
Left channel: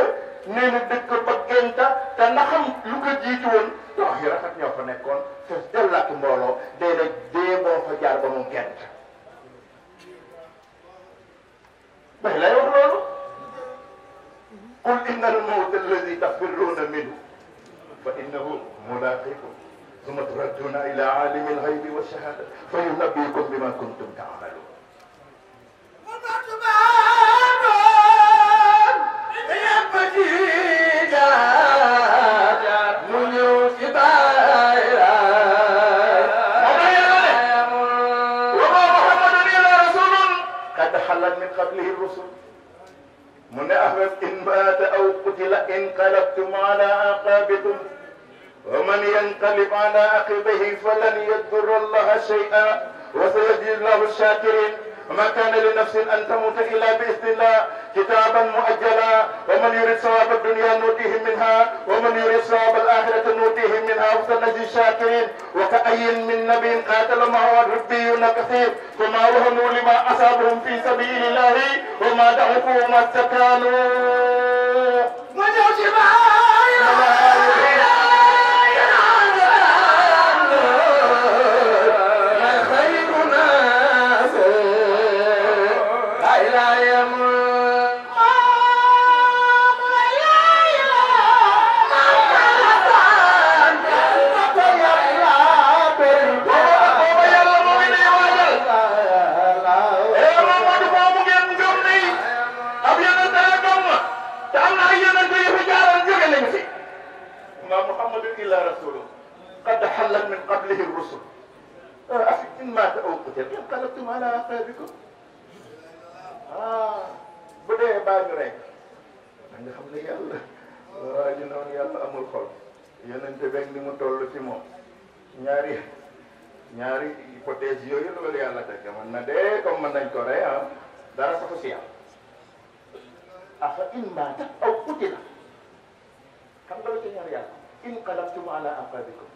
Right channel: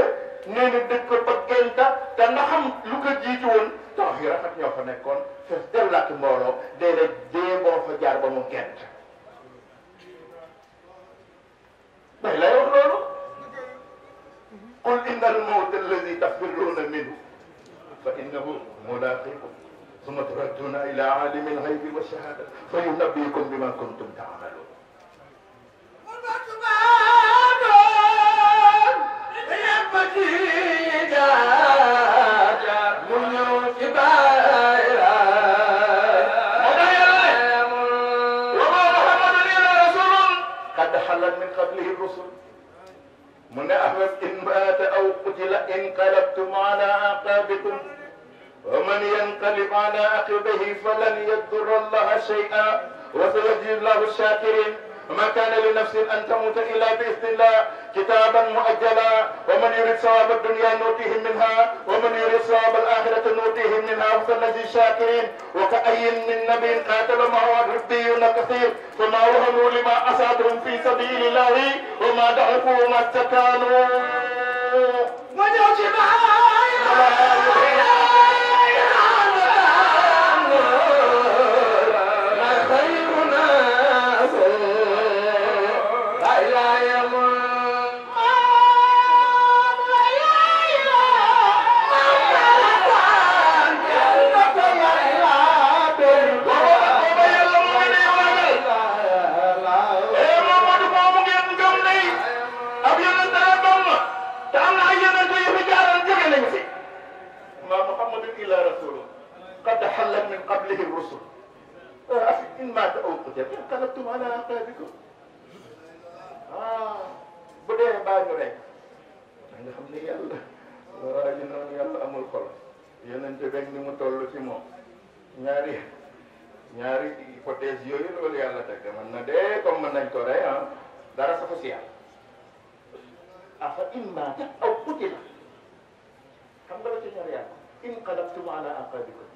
nee na dëkk ba genta te na xam lu ko jiitu woon toox yu rafet ñoo fa nekkoon fees dell ak mbooloo dee rek dee moo fa jaar ba mu gent bay lay wax loolu qul inna al mawta alladi tafirruuna minhu fa innahu mulaaqiikum summa turadduuna ila aalimi al ghaybi wa shahaada fa yunabbiukum bima kuntum taamaluun من قبله الرسل من أحمد إن مات أو قتل انقلبتم على أعقابكم ومن ينقلب على عقبيه فلن يضر الله شيئا وسيجزي الله الشاكرين وما كان لنفس أن تموت إلا بإذن الله كتابا مؤجلا ومن يريد ثواب الدنيا نؤتيه منها ومن يريد ثواب الآخرة نؤتيه منها وسنجزي الشاكرين وكأي من نبي قاتل معه ربيون كثير فما وهنوا لما أصابهم في سبيل الله وما ضعفوا وما استكانوا قد حلت من قبله الرسل إن مات أو قتل انقلبتم على أعقابكم bu dee baa ngi rey nga xam ne yàlla waa ji noonu yàlla amul xol yonente beeg ni mu toll ci moom ñaari hypothèse yooyu loolu yàlla teg mën na dee comme mën nañ ko rey dara saxu si yàlla afa in maata aw qutila xam nga la ci ñor yàlla inqalabtum ala aqabikum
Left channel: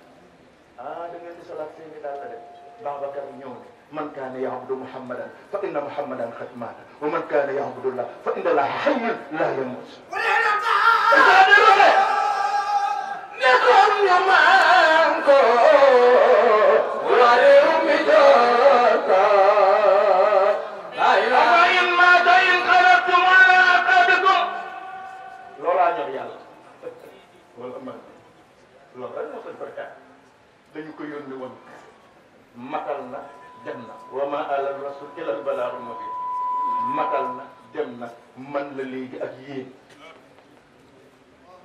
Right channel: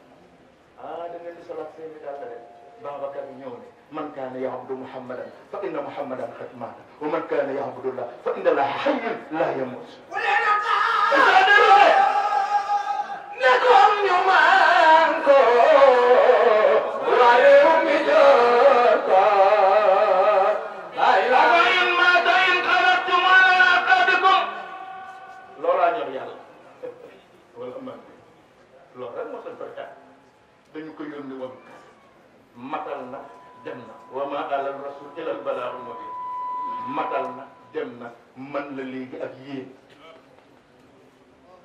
da ngeen di solat seeni daal la de Babacar ñëw ne man kaana ya'budu Muhammadan fa inna Muhammadan qad maata wa man kaana ya'budu Allah fa inna Allaha hayyun la yamut loolaa ñor yàlla wala man loolu rek moo koy farta dañu ko yónni woon matal na dem na wa ma ala rasul illa al balaagul mubiin matal na dem na man la léegi ak yéen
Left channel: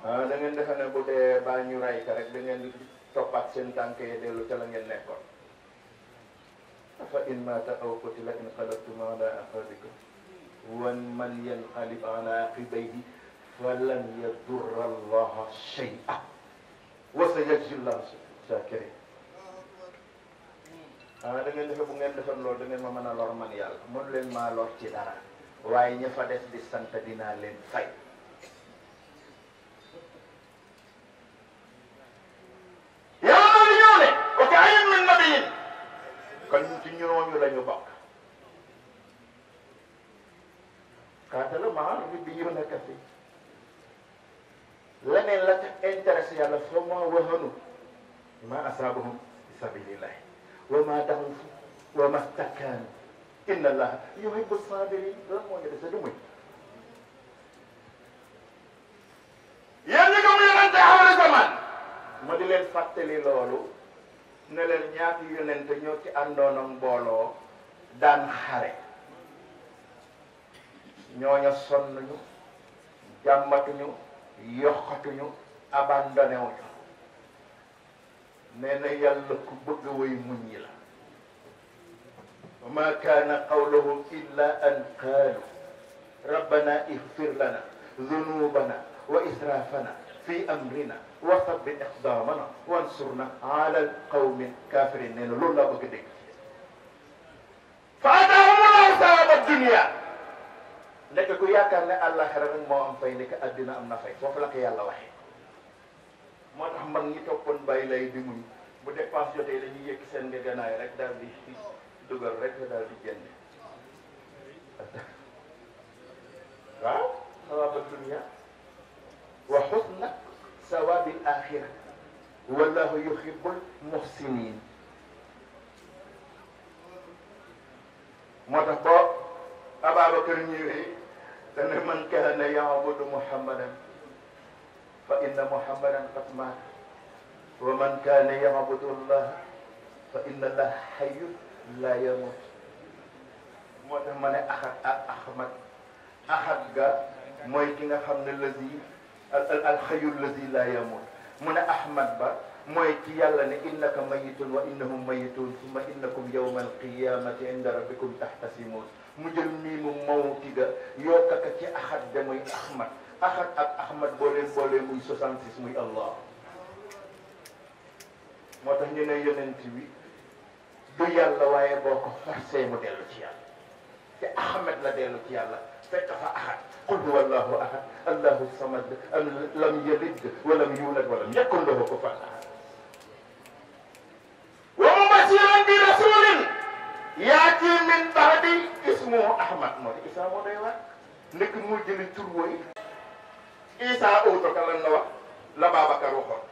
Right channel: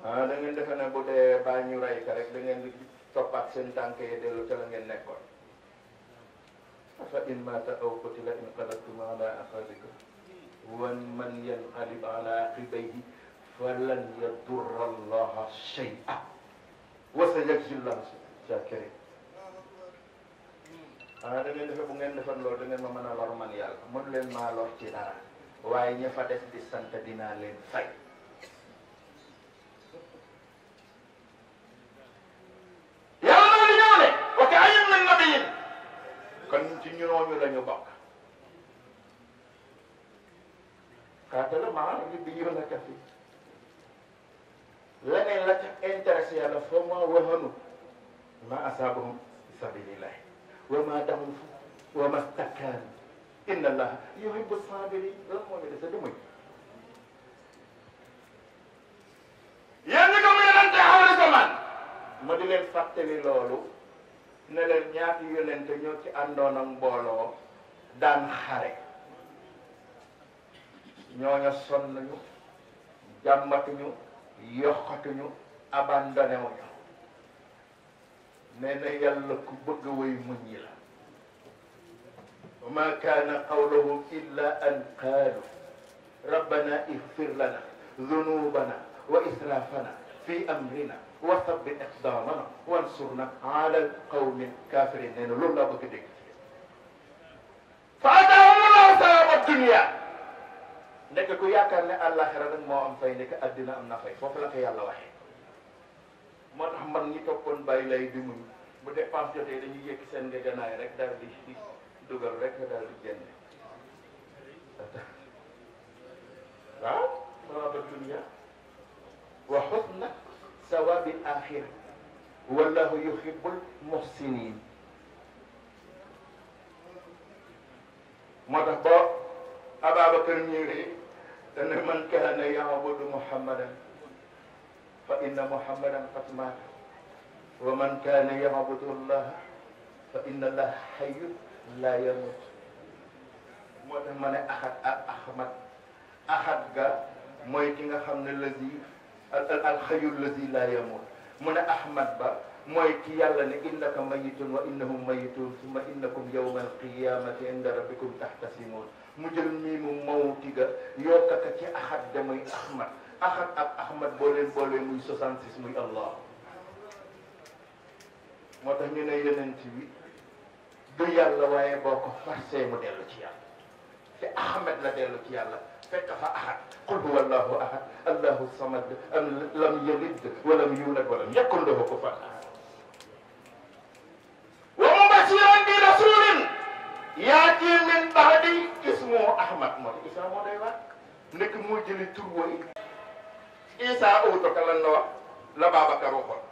da ngeen defe ne bu dee baa ñu rey ka rek da ngeen di toppaat seen tànk yi dellu ca la ngeen nekkoon fa in maata aw qutila inqalabtum ala aqabikum wa man yanqalib ala aqibayhi falan yadurra allaha shay'an wa sayajzi llahu shakirin da ngeen defe bu ngeen defar loolu da ngeen ma mën a lor man yàlla mën leen maa lor ci dara waaye ña fa des di sant dinaa leen fay yàlla loolu ñëw ne ok ayam min nabiyin kon ci ñooñu la ñu bokk qaatala maa ribbiyuuna kasiir leneen la ca intéressé yàlla fa ma wahanu ma asaabahum fi sabilillah wa ma daxufu wa ma stakaanu inna allaha yuhibbu sabirin loolu moo ñu dese du muy yéen ñi ko mu yonente xawri zaman ma di leen fàttali loolu ne leen ñaati yonente ñoo ci àndoon ak mbooloo daan xare ñooña sonn ñu jàmmatuñu yokkatuñu abandonné wuñu nee na yàlla ku bëgg way muñ ñi la wa ma kaana qawluhum illa an qaalu rabbana ighfir lana dhunubana wa israfana fi amrina wa thabbit aqdamana wansurna ala alqawmi alkafirin nee na loolu laa bëgg a dégg fa ataahum allahu thawaba dunya nekk ku yaakaar ne àllaxira nag moo am fay nekk addina am na fay foofu la ko yàlla waxee moo tax mag ñi toppoon bàyyi lay di muñ bu dépense jotee dañuy yëkki seen nga ganaay rek daal di dugal rek daal di génne waaw sawaaba dunya wa xusna sawaabi axira wallahu yuhibbul muhsinin moo tax boo Ababacar ñëwee dane man kaana yaabudu muhammadan fa inna muhammadan qad maat wa man kaana yaabudu allah fa inna allah hayyun la yamut moo tax ma ne ahad ak ahmad ahad ga mooy ki nga xam ne lazi al hayyul lazi la yamut mu ne ahmad ba mooy ci yàlla ne innaka mayitun wa innahum mayitun summa innakum yawma alqiyamati inda rabbikum tahtasimun mu jël mii mu mawti ga yokkaka ci ahad ga muy ahmad ahad ak ahmad boo leen boolee muy 66 muy allah moo tax ñu ne yonent bi du yàlla waaye boo ko forcé mu dellu ci yàlla te ahmad la dellu ci yàlla fekk fa ahad qul huwa allahu ahad allahu samad lam yalid walam yulad walam yakun lahu kufuwan ahad wa mubashiran bi rasulin yaati min ba'di ismuhu ahmad moo di isa moo day wax nekk moo jëli tur wooyu isa auto ka lan la wax la Babacar waxoon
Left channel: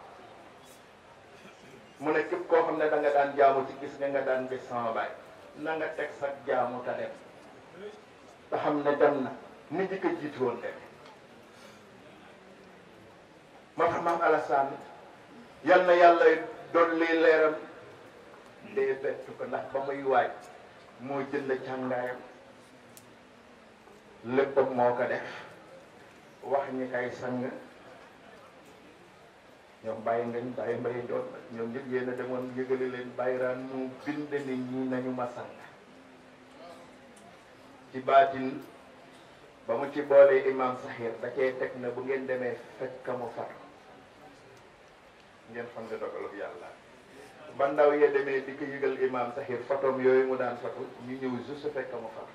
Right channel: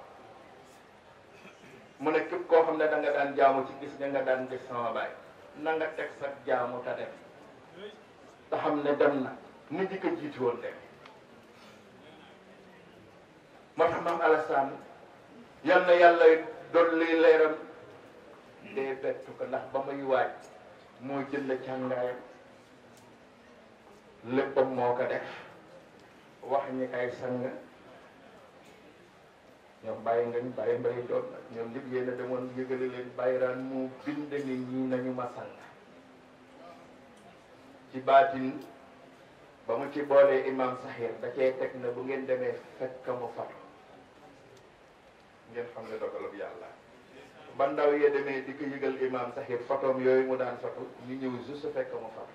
mu ne képp koo xam ne da nga daan jaamu ci gis nga daan gis sama baay na nga teg sa jaamu ta dem te xam ne dem na ni di ko jiitu woon dem moo tax maam Alassane yal na yàlla dolli leeram dee bett ko ndax ba muy waaj moo jël càngaayam léppam moo ko def wax ñi kay sang ñoom bàyyi ngeen bàyyi mbay doon ñoom nit yéen a demoon yëgali leen bàyyiraan mu bind nit ñi nañu ma sang ci baatin ba mu ci boolee imam Saxiir da cee teg na bu ngeen demee fekk mu far ngeen xam ne dogalub yàlla ba ndaw yee demee di ko yëgal imam Saxiir photom yooyu mu daan photo ñu ñëw juste fekk mu far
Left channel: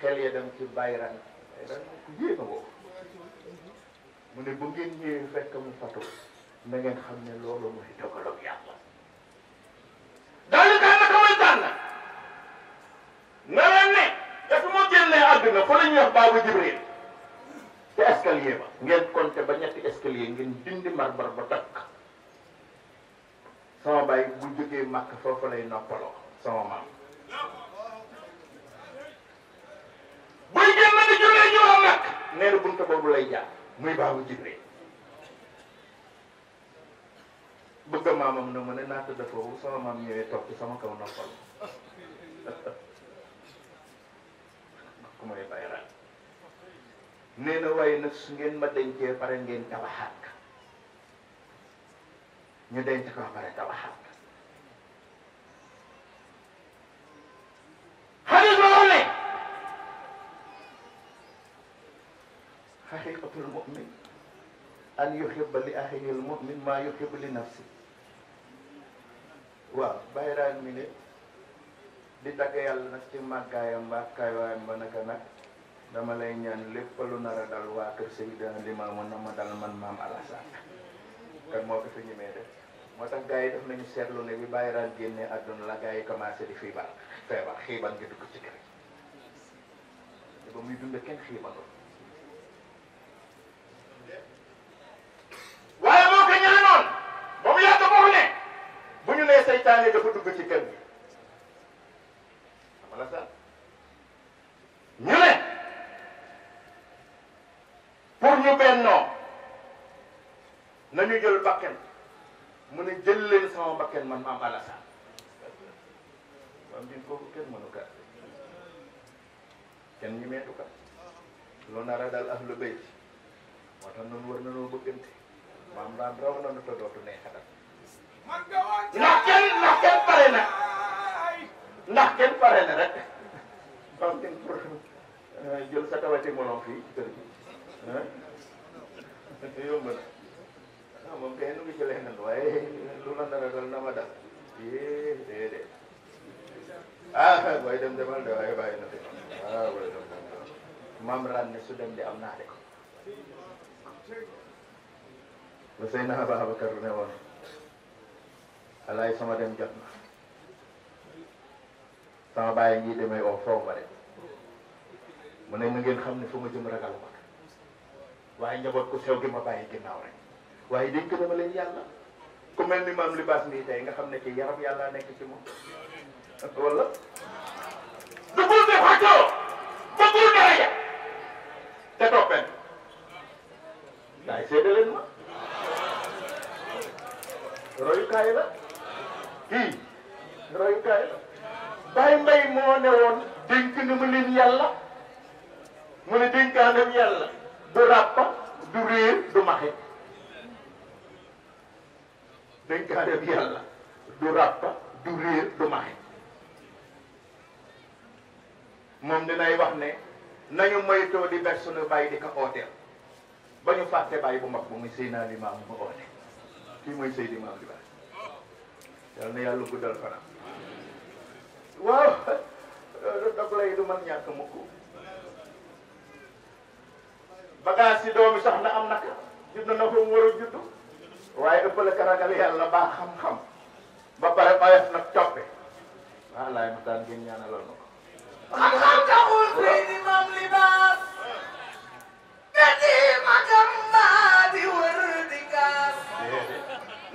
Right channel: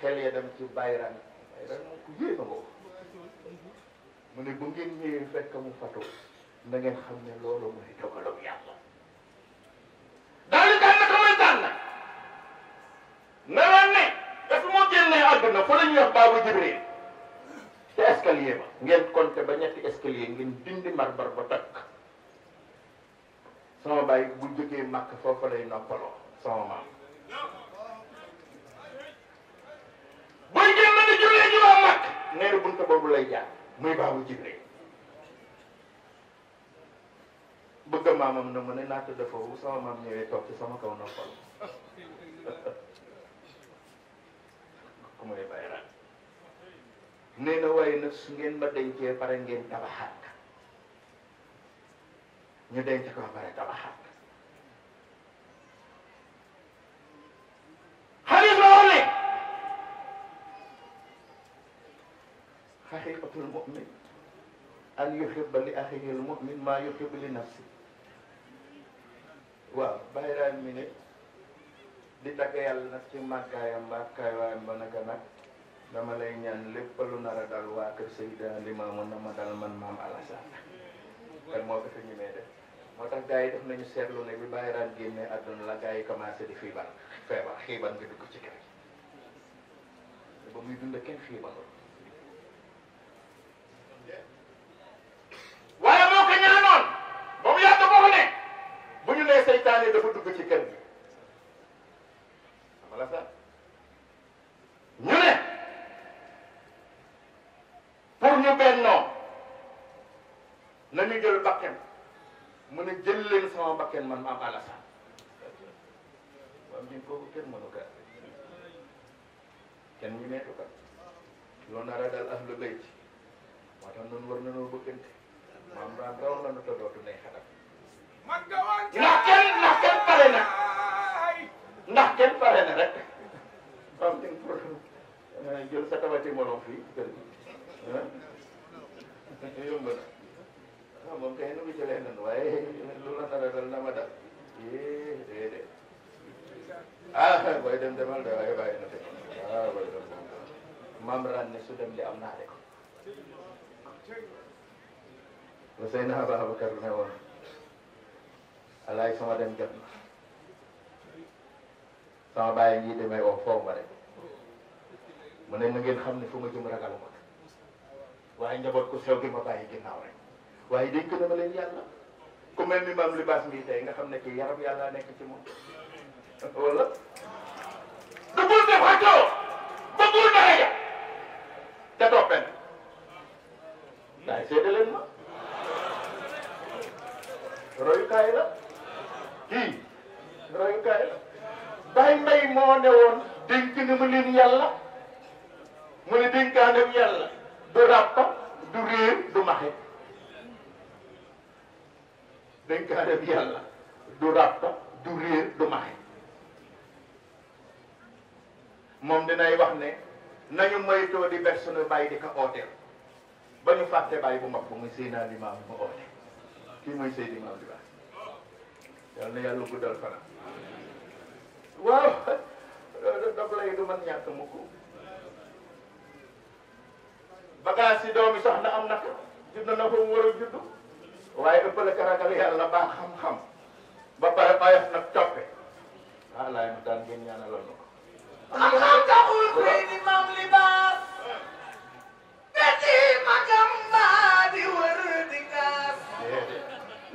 xel yee dem ci bàyyiraan dana ku yéema boobu mu ne bu ngeen ñëwee fekk mu photo na ngeen xam ne loolu mooy dogalub yàlla daal di tànn ko muy tànn na leen ne dafa moo génnee àdduna fa la ñuy wax baabu Jibril te escalier ba ngeen compté ba ñetti escalier ngeen dindi marbar ba takk sama baay bu jógee màkk foofu lay noppaloo sama maam buy génn di jullee juróom màkk nee na bunta boobu lay jaar muy baabu Jibril bëgg maamam na mu ne naata dafa wu sama maam ñëwee toog ci sama kaw noppal ku may bayraat nee na waaye nag su ngeen ma dencee pare ngeen tabaxaat ñu denc ko pare tabaxaat xarit loolu ne xaqiqatul mu'min an yuhibba li axihi al mu'min maa yuhibbu li nafsi waaw bayraat mi ne di tagg yàlla nag ci màggaayam mbàkkaay waayam ba naka nag dama lay ñaan lépp lu nar a dal waa kër Seydina Limaamu na ma dal man maam Alassane kon moo ko fi ñu may def moo tax gars yi def nañu seetlu ne bi bàyyi raan génnee àdduna la gars yi commencé di feebar xiiban nga dugg ci kër te ba muy dund kenn xiibanul waaye moo ko ñaanoon ba mu yàgg boo ne bu ñu nee seytaane dafa dugg ci kër gi ñu ne pour ñu bennoo nañu jël bakken mu ne jël leen sama bakken man maam Alassane waaw ñun kooku kenn mënu kat kenn ñu meetu kat loolu nar a daal ahlu bayt moo tax noonu war nañoo bëggante maam daan raw na nu te dootu ne xatat ndax kenn pare na ndax kenn pare na rek am nañ pour jël sa tawati morom fii ci kër gi yomb na moom kay nu ngi jëlee nan waaye lu la nar a dal na ma dal déedéet booy dem demal de waaye bàyyi na de booy dem maam ran ne su dem di am naa rek ba sëy na Ababacar ne woon alaay sama dem jot na sama bàyyi ngi demee oo foofu ma rek mu ne na ngeen xam ne fu ma jëm ragal ma waaye njaboot ku sew gi ma bàyyi ginnaaw rek waaye dénk na ma leen yàlla ku mel ni maam libaas nii tey nga xam ne kii yaram yàlla nekk ci moom wala dugul de xaccoo bëggul daraja te toppen waaye seede leen ma royukaay la kii royukaay la Baye Mbaye moo ne woon dénk na ma leen yàlla mu ne dénkaaneem yàlla du ràppa du réer du maxe dénkaaneem yàlla du ràppa du réer du maxe moom dinay wax ne nañu moytoo di ber sunu bàyyi di ko ooteel ba ñu fàtte bàyyi bu mag bu muy Seydina Limaamu mu oote kii mooy Seydi Maam bi baax yal na yàlla guddal fanam waaw dog lay du man ñàkk mukk bagaas yi doomi soxna am naka judd na ko mu war a judd waaye ëppale ka ragal yàlla baax xam-xam ba pare oyof nag coppe laay ma daan ngeen ñaanalal ma ko xam-xam taxul Seydi Maam Libaas gati magam maa di wër di gaas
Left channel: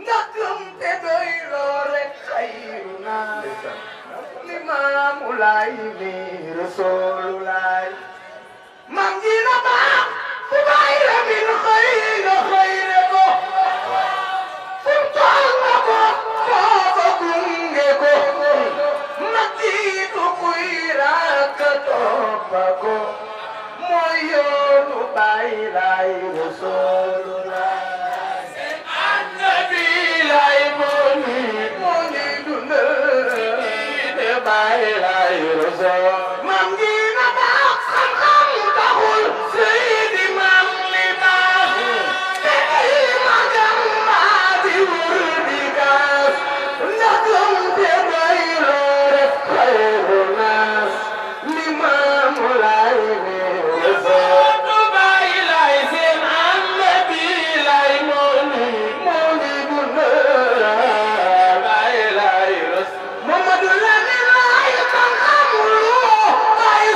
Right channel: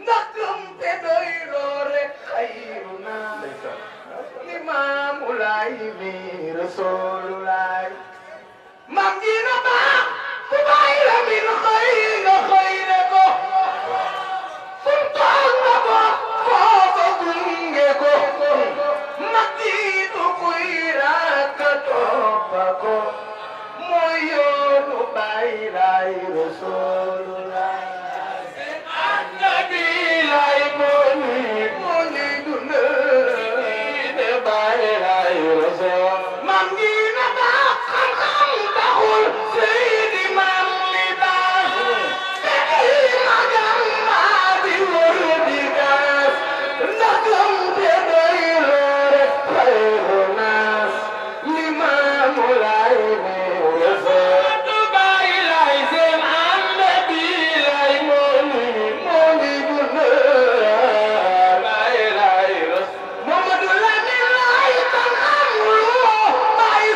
nga gëm te doy loo rek xayru naa Limaamu Laay ni Rasuulu Laay mam ji na baax ku bàyyi la min xëyra xëyre ko fu tool nga ko foofa gunge ko mag jiitu kuy rakk toppa ko mooy yoonu Baay Laay Rasuulu Laay annabi Laay moo ni dundal de Baay Laay Rasuulu mam ji na baax xam-xam taxul Seydi Maam Libaas te ay magam maa di wër di gaas ndagam te doy loo rek xayru naas Limaamu Laay ne Rasuulu Baay Laay seen annabi Laay moo ni dundal Baay Laay Rasuulu Mamadu Lamin Laay xam-xam lu Baay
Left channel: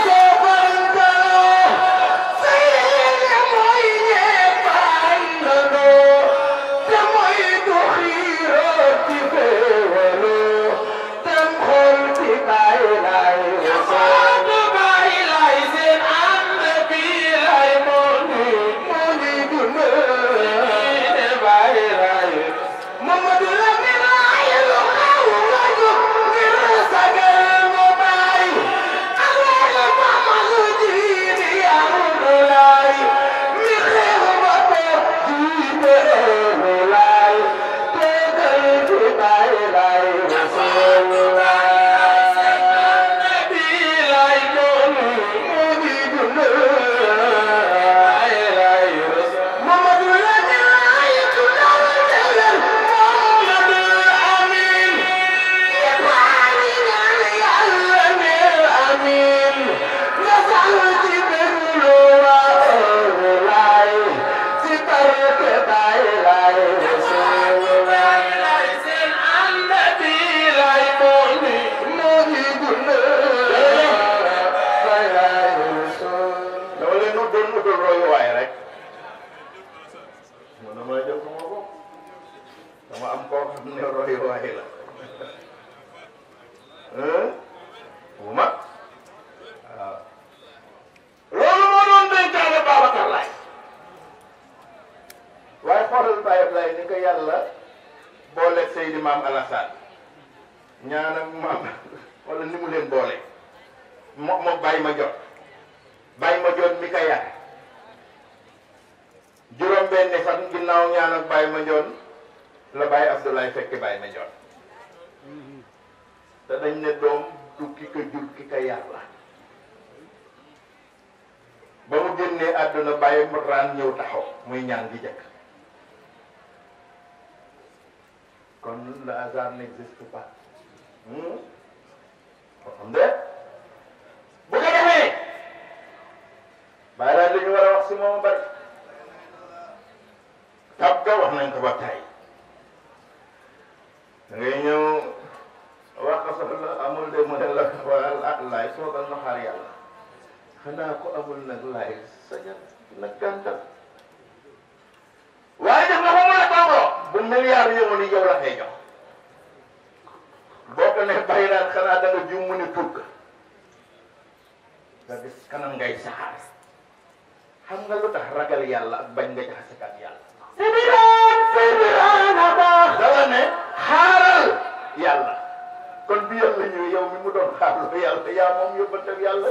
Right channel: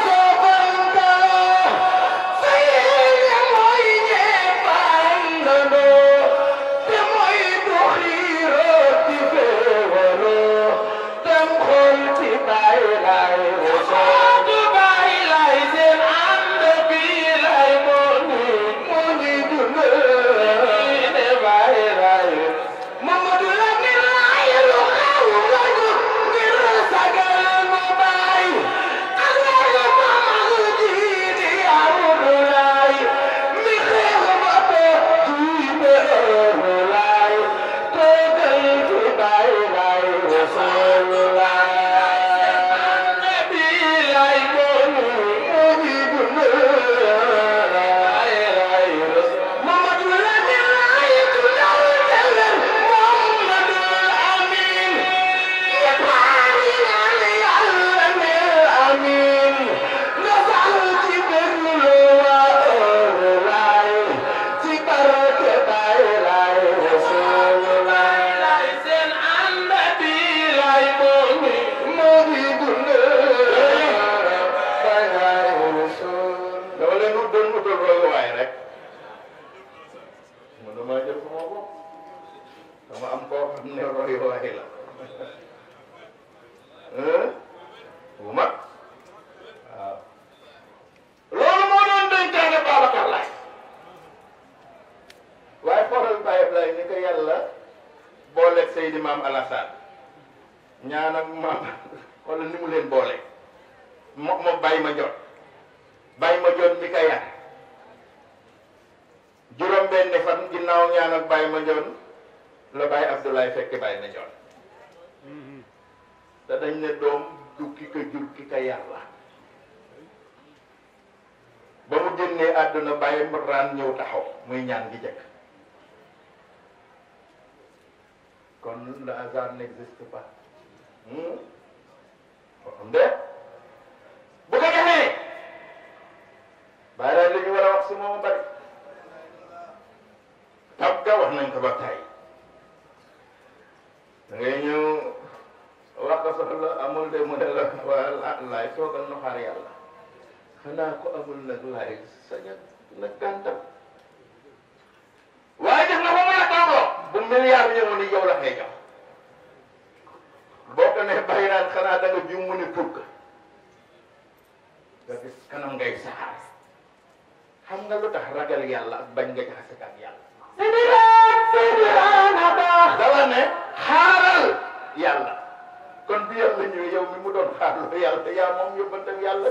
maam Alassane ñaan ak maam wala ni mu leen boole moo bàyyi ma jot mi ka yar juróom benni fan ginnaaw ñaan ak bàyyi ma joon la bàyyi Abdoulaye fekk bàyyi ma joon te dañ ne doom du ki ko jur ki ka yar la ba mu génnee àdduna bàyyi raan ñëw taxaw muy ñaan gi jëkk kon le hasard n'existe pas xam de bu ko defee bàyyi daal li ñu war a wax si moom bari tab ga wax nañ ko ba tey da ngay ñëw wax ko soxla amul de mu ne la waa laay toogal na xaar yàlla xanaa ko amul nag laay saña nag gàntal waaye def na ko mu ne toogoo bu milliard yow ni yow la koy jox boo ko ne bàyyi naan xanaa da nga juum mu ni tuub nga gis kanam ngay saxaar xam nga lu tax ragal yàlla ak bañ nga jaxase ak yàlla dala ne xaaral yàlla kon bi yàlla ñëwee yow mi mu doon xaarlu yàlla yaa moom yóbbantal yàlla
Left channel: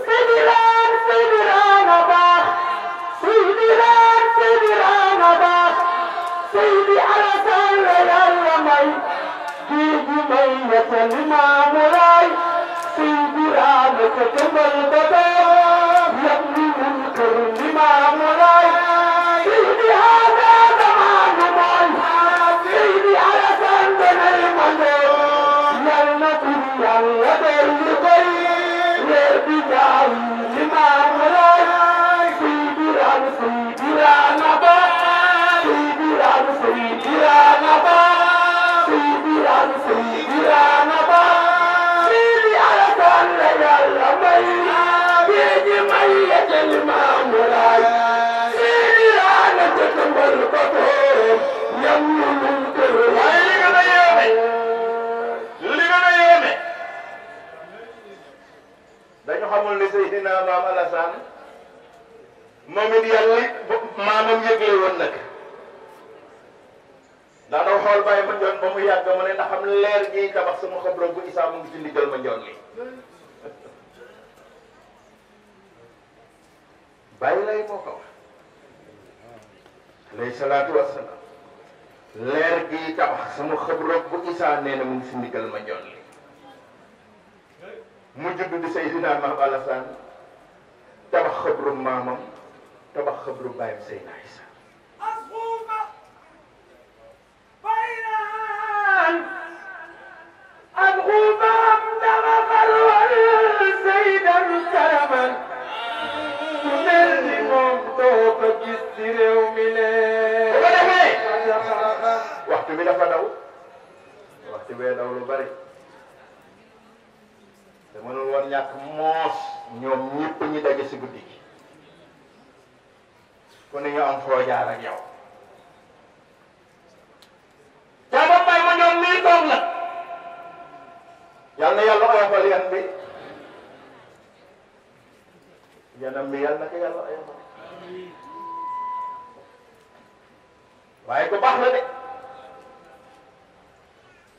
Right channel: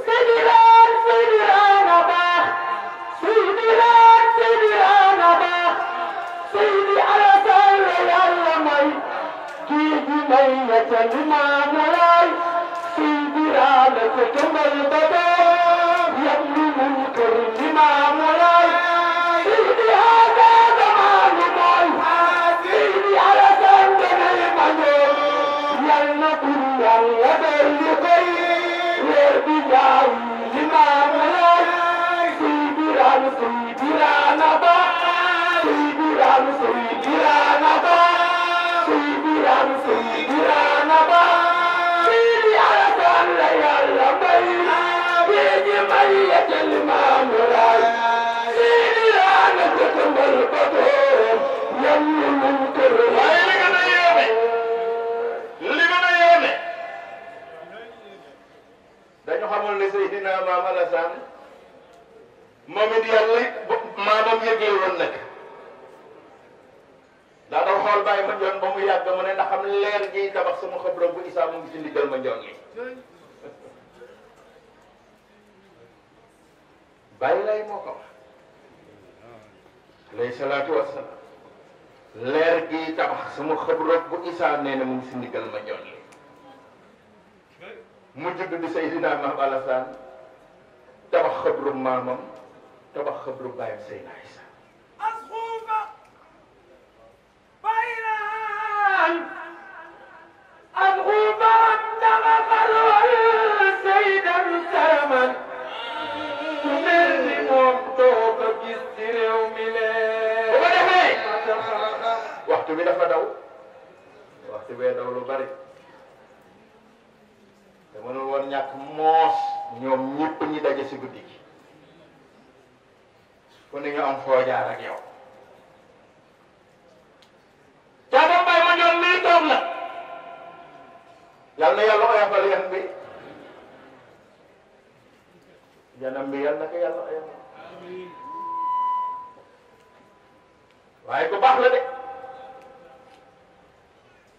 Seydi Alassane la yàlla may kii bi may yetal Limaamu Laay Seydi Raana sa këmbal data yam ni mun kër Limaamu Laay Seydi Haada Zamaanu Maay Seydi Alassane danay mandoo yal na tur yàlla dolli koy leer bi jaay Limaamu Laay Seydi Raana ba Sayyidina Ba Sayyidina Ba Seydi Alassane la yàlla may géej may yetel Limaamu Laay Seydi Raana sa këmbal ba boor yam ñu mun kër waaye li gën a yéeme dañu xamul ne Seydina Maam Alassane moom it yàlla maamam yëgle woon nag daa doon xool bàyyi ma njoon ba mu yàgg mu ne ndax xam leer gi tabax sama xabra bu Isaa mu ngi ci ndigal ma njoon gi bàyyi lay moo ko wax alayhi salaatu wassalaam leer gi tabax sama xabra bu Isaa nee na mu ngi ci ndigal ma njoon gi mu judd bi Seydina Maam Alassane tabax xabru maamam tabax xabru bàyyam Seydina Isaa الغمام دمغ والسيد مسلما تنرم دوب جسر وملي waxtu bi dafa daw waxtu bee daw lu bari te mënul woon ñàkk moos ñoom ñëpp ñi daje si guddi gi ku ne ñu am foo jaar ak yow jaadam bay ma ñoom nii toog la yal na yàlla oyofal yan bi yanam bi yal na ko yàlla oyofal waaye ku baax la de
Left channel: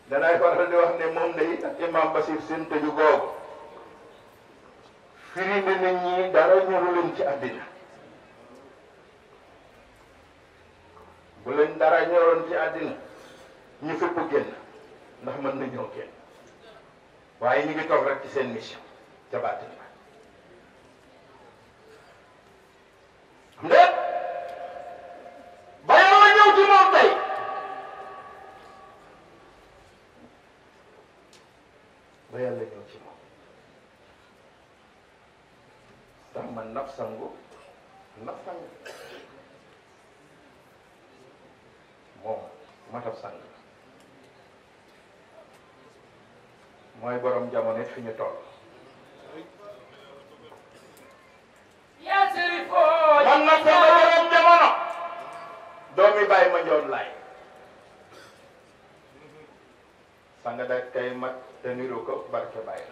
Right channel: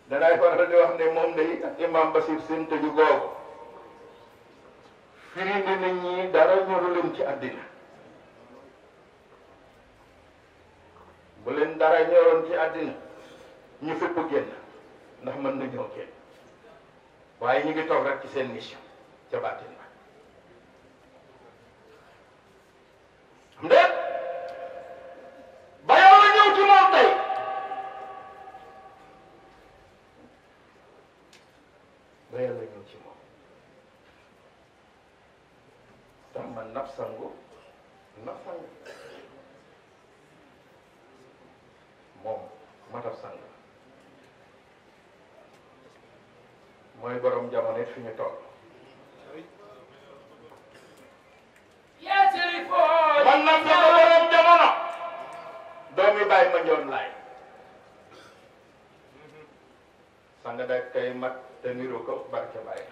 danay faral di wax ne moom de imam Basir seen tëju googu firi na nit ñi dara ñoru leen ci àddina bu leen dara ñoroon ci àddina ñu fépp génn ndax mën na ñoo génn waaye ñu ngi toog rek ci seen mission ca baatin ba ndéet ba yàlla ñëw ci moom tey ba yàlla ñëw ci moom sama nafsangu moom matab sang mooy borom jamono fi ñu toll man nag sama borom jamono doomi bàyyi ma njoon laay sang da kay mag te niru ko barke bàyyi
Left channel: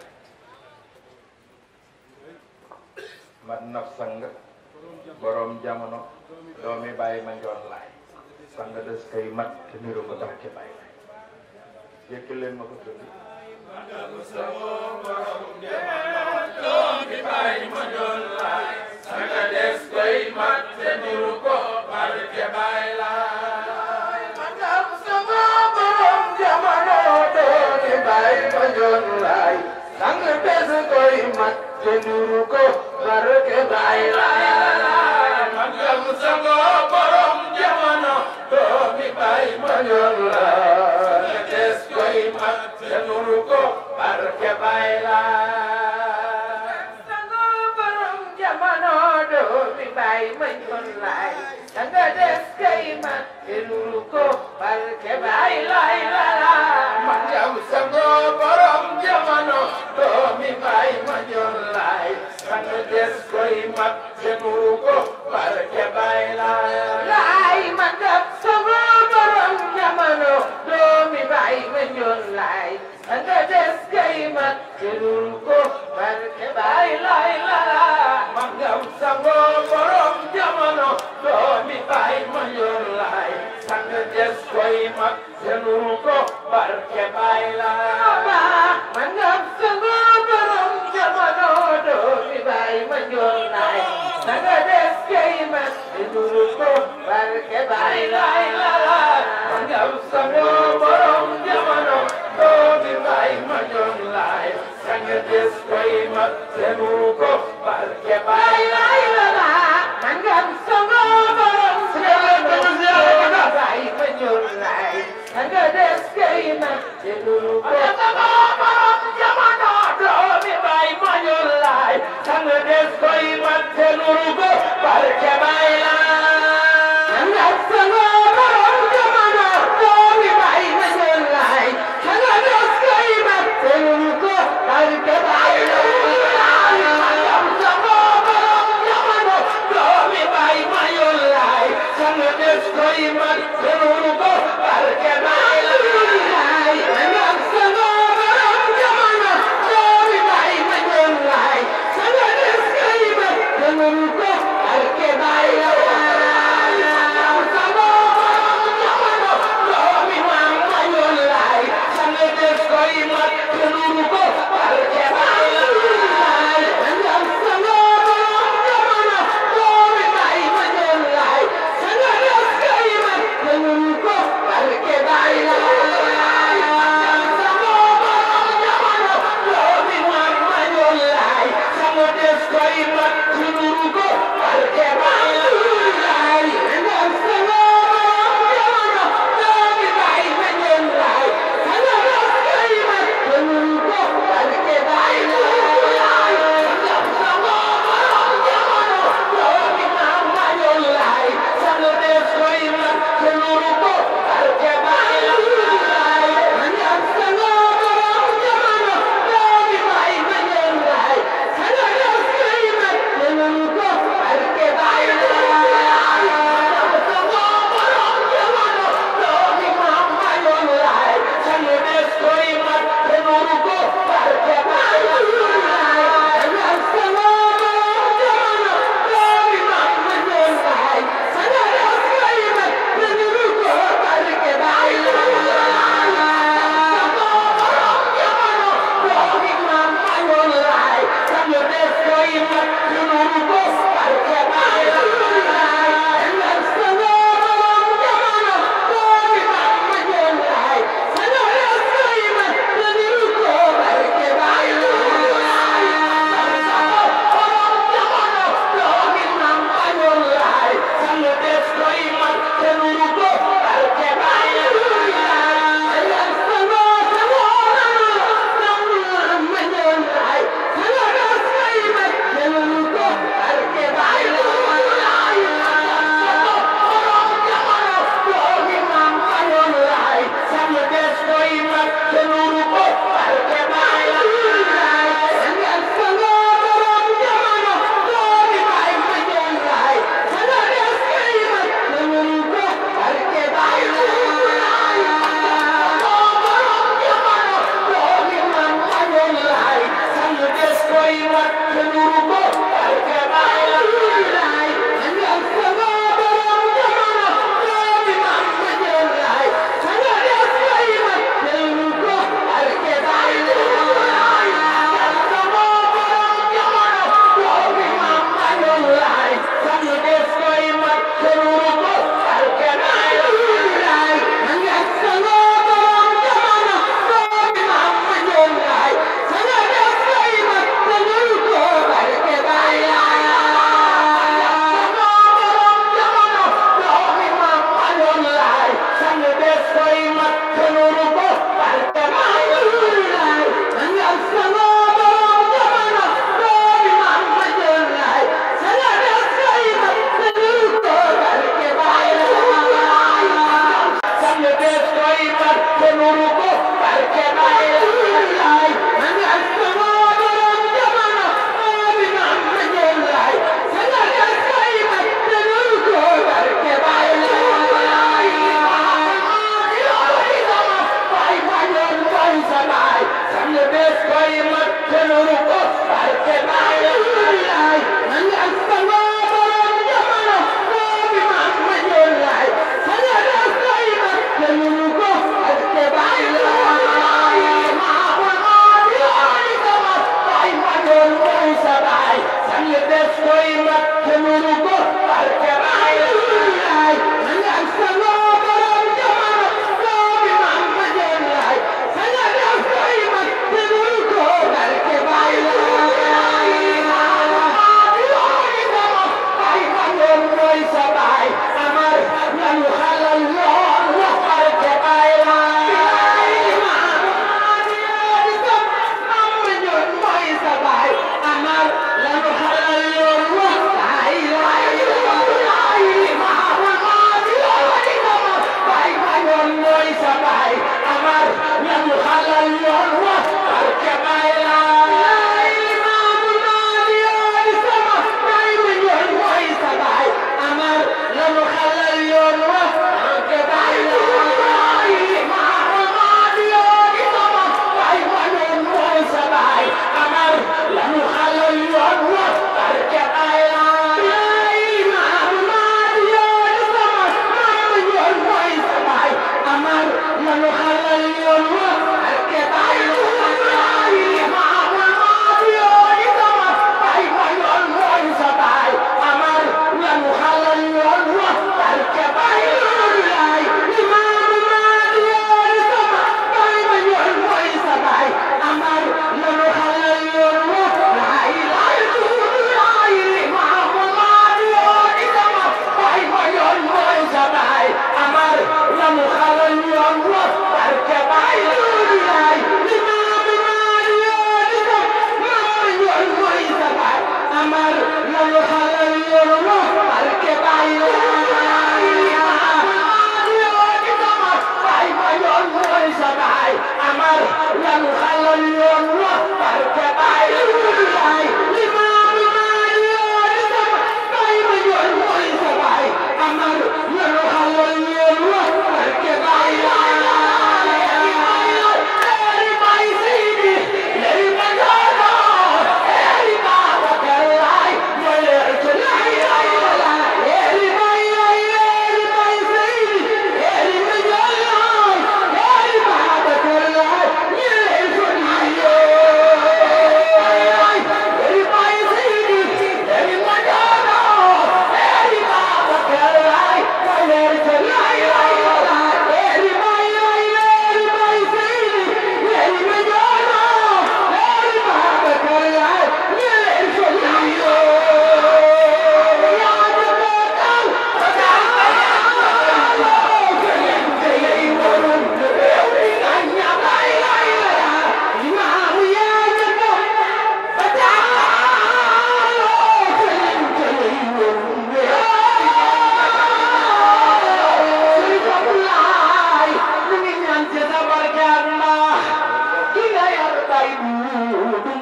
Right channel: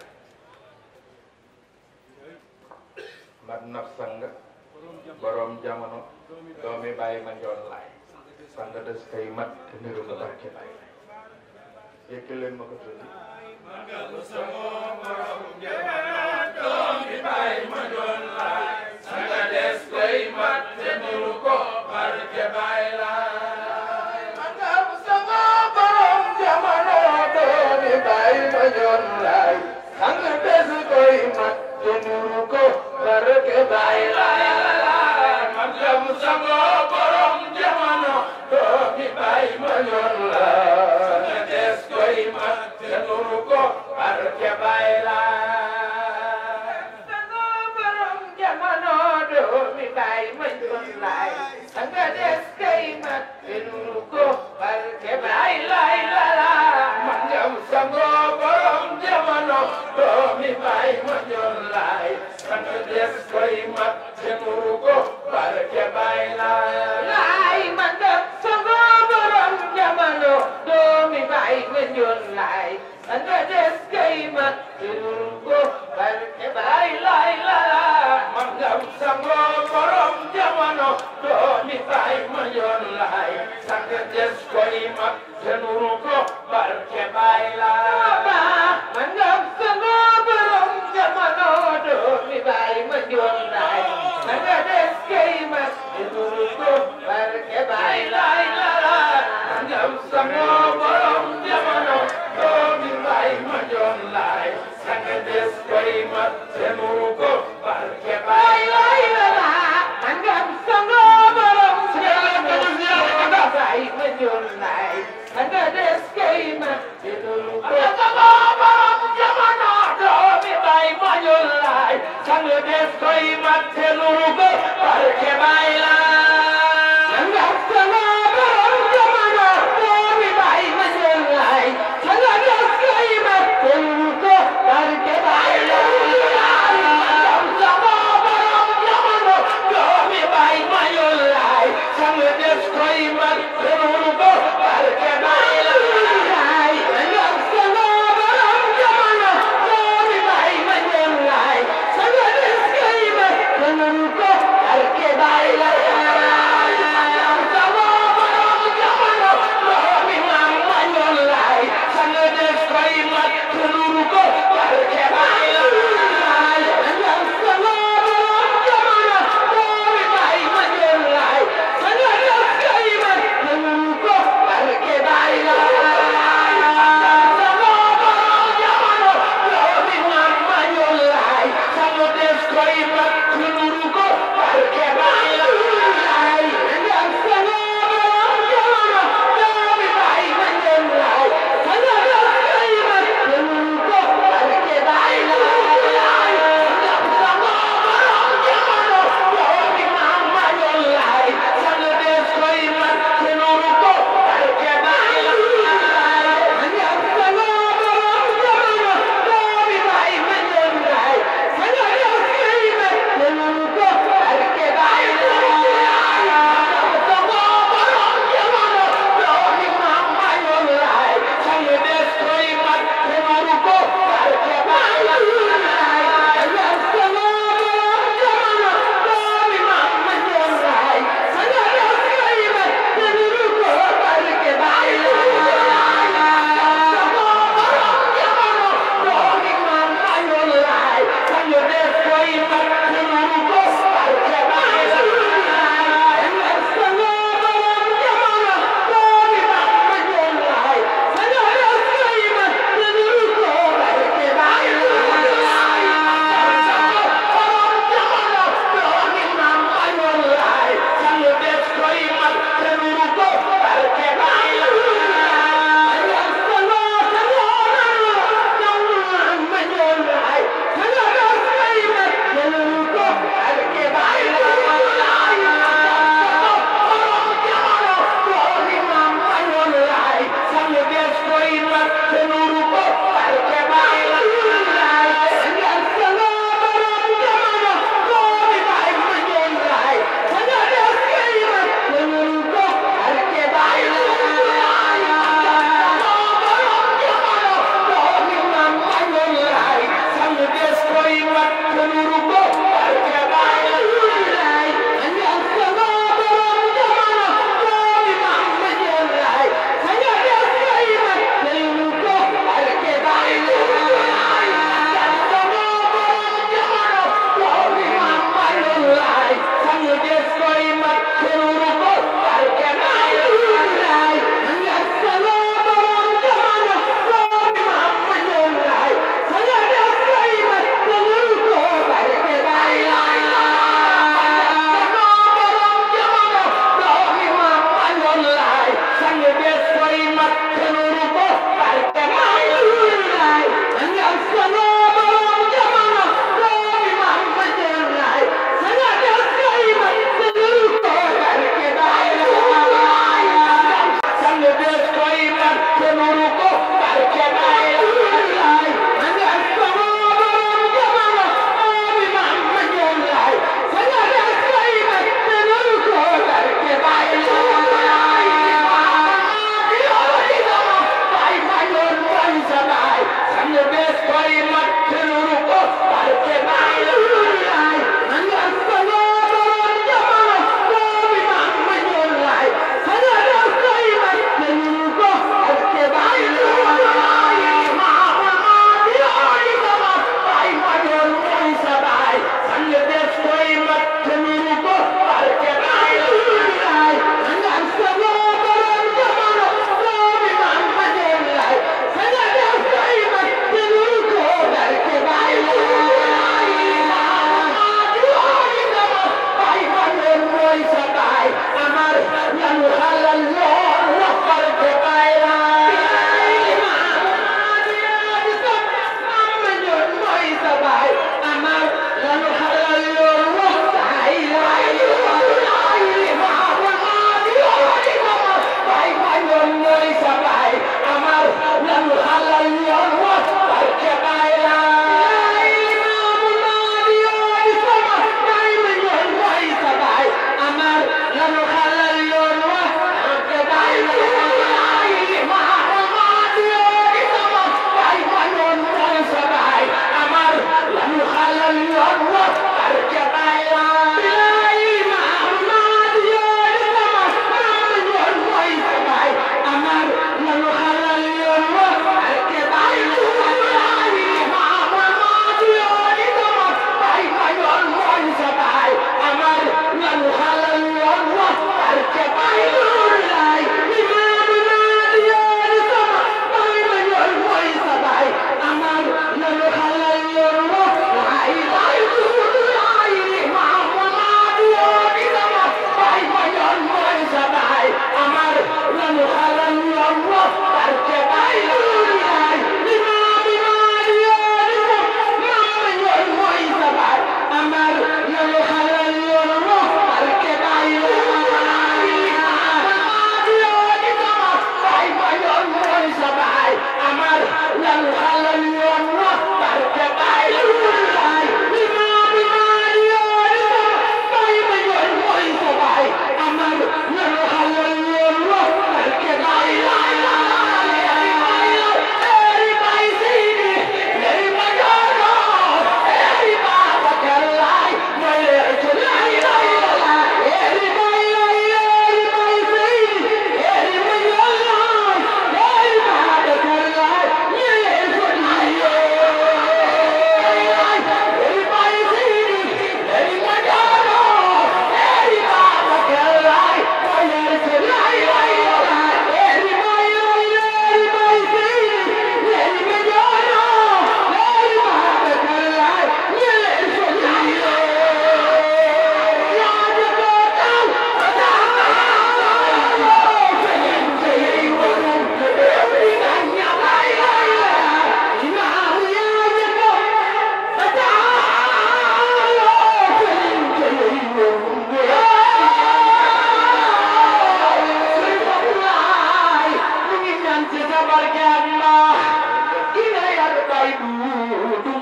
mat naf sang borom jamono doomi bàyyi ma njoon laay sang des kay mag te niru ko barke bàyyi yëkki leen ma ko tudd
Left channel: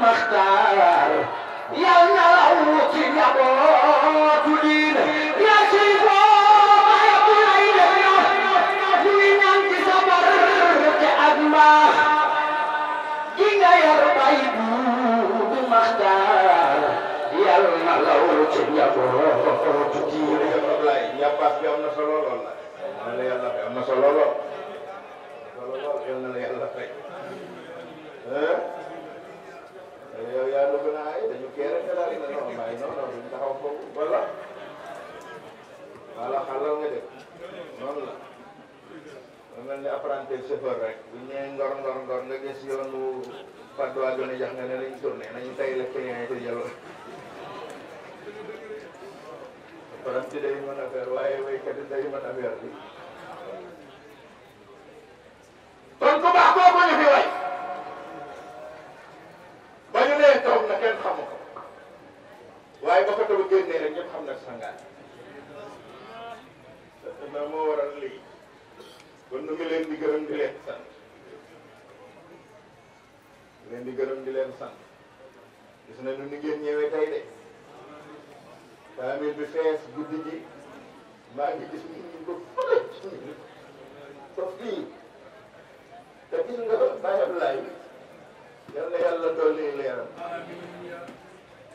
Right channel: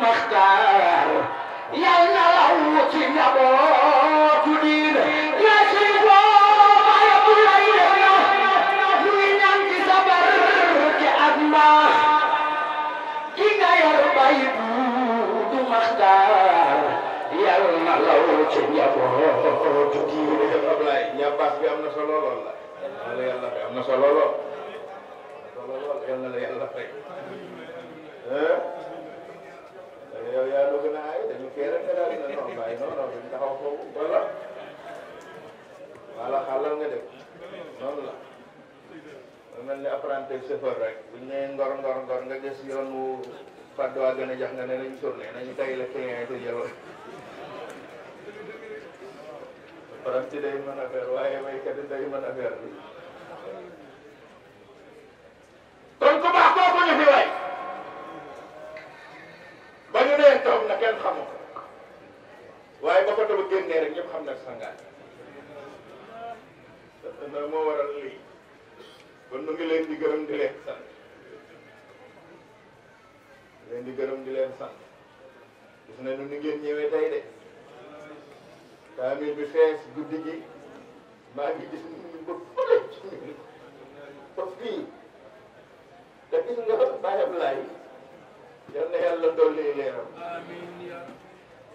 Maxtaar yal na law ci njabootu diine yaa ci foo yóbbu lay def ñuy ñaan ci sa barke ak mbaax ki nga yor bay Duudu Maxtaar yal na law ci njabootu diine. ñàppaas bi am na solo lool la yàlla fay am na solo lool yal na la yàlla fay yow yaa la gën a ay dañu kee rek daal na non bàyyi non non duñ taxaw foofu wala xalal nga def noonu la am nañ ne apprenti chauffeur rek bu ñëwee ngor nga gis yoonu Padoa gën a jax nga ne nañ tourné nañu tay la client yi jëloon apprenti day mën affaire waaye waykat day mën affaire bi kon ku baax kooku ñu fi way ba ñu nee toog na kenn xamu ko waaye ba ko taw génnee rek ñëpp xam na sangaat na moo waral lii kon nu ngi leen di gërëm di leen sant gis na nu ngeen ñëwee tey de famille bi fees guddi gi maa ngi gis ñu ko fële ci ñun foofu kii te gis nga Baye Ablaye yal na yàlla dolli leeram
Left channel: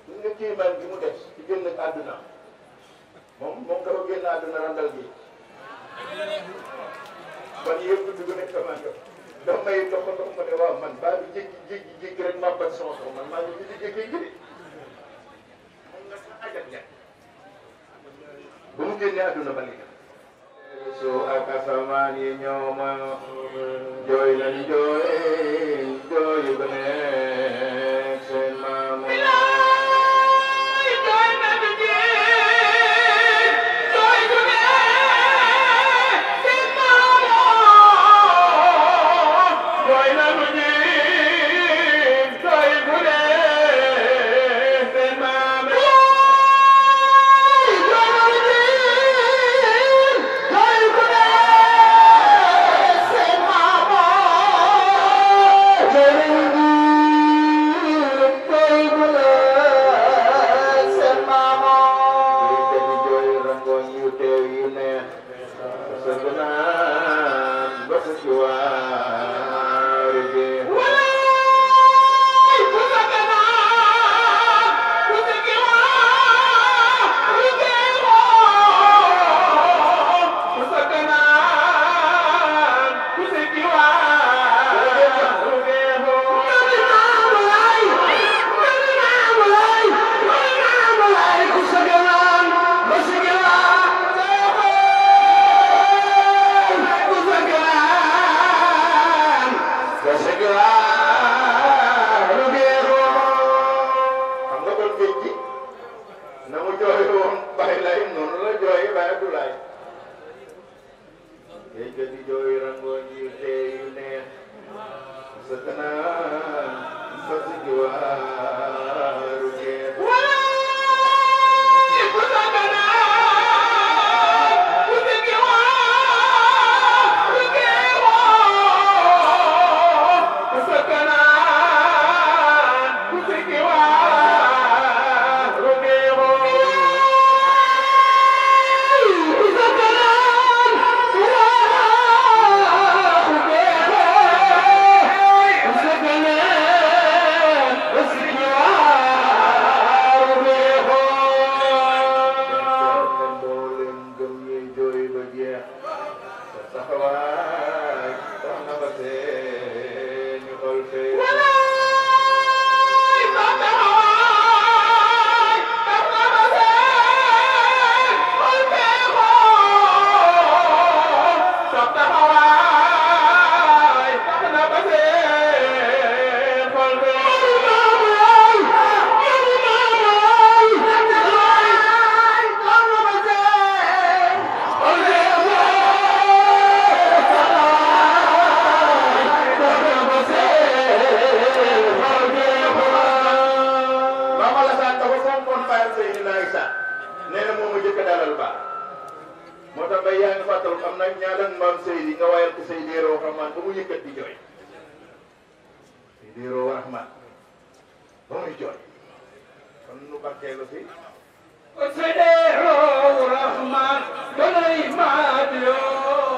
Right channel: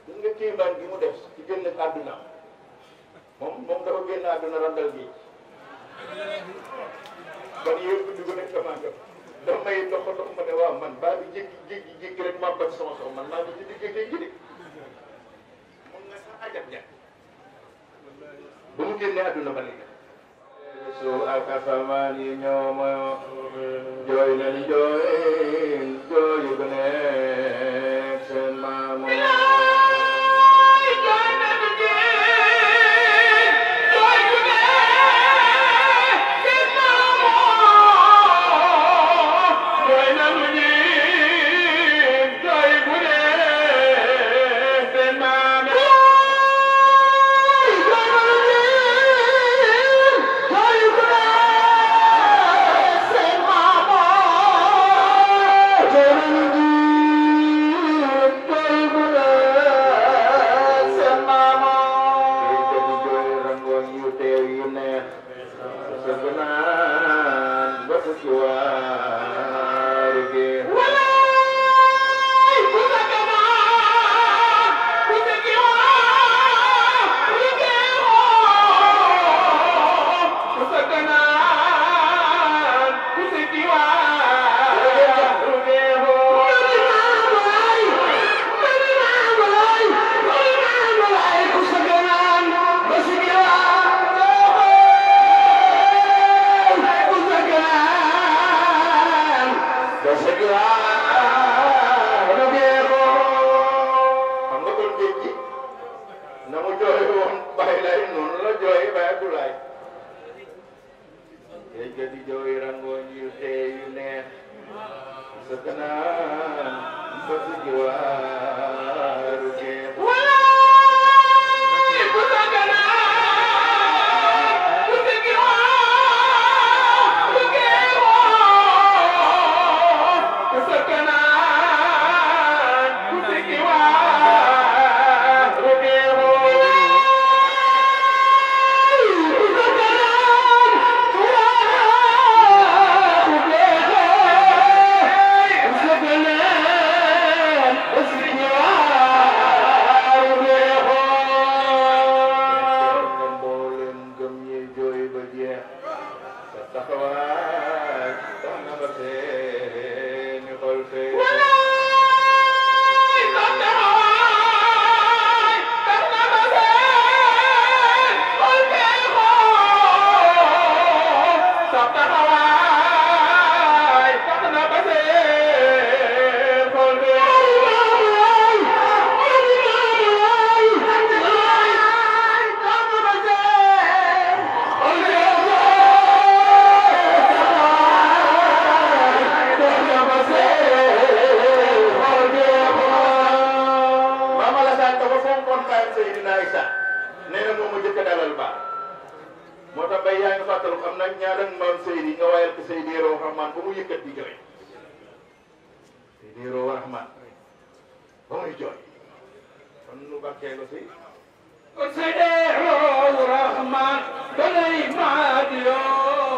gis nga kii man bi mu def ci génn àdduna moom dafa génn àdduna randal gi kon yëpp dugg nañ commande daf may dox ma ne waaw man baa bi jékki rek maa bat sama soxna man maa ngi ci digg géej gi de mun nga sax ajat ña ba mu génnee àdduna ba léegi suuf ak asamaan yi ñoo ma jooy nañu jooy yu gën a seen maamu barkeelu fi Sidero Rahman Suleyman yo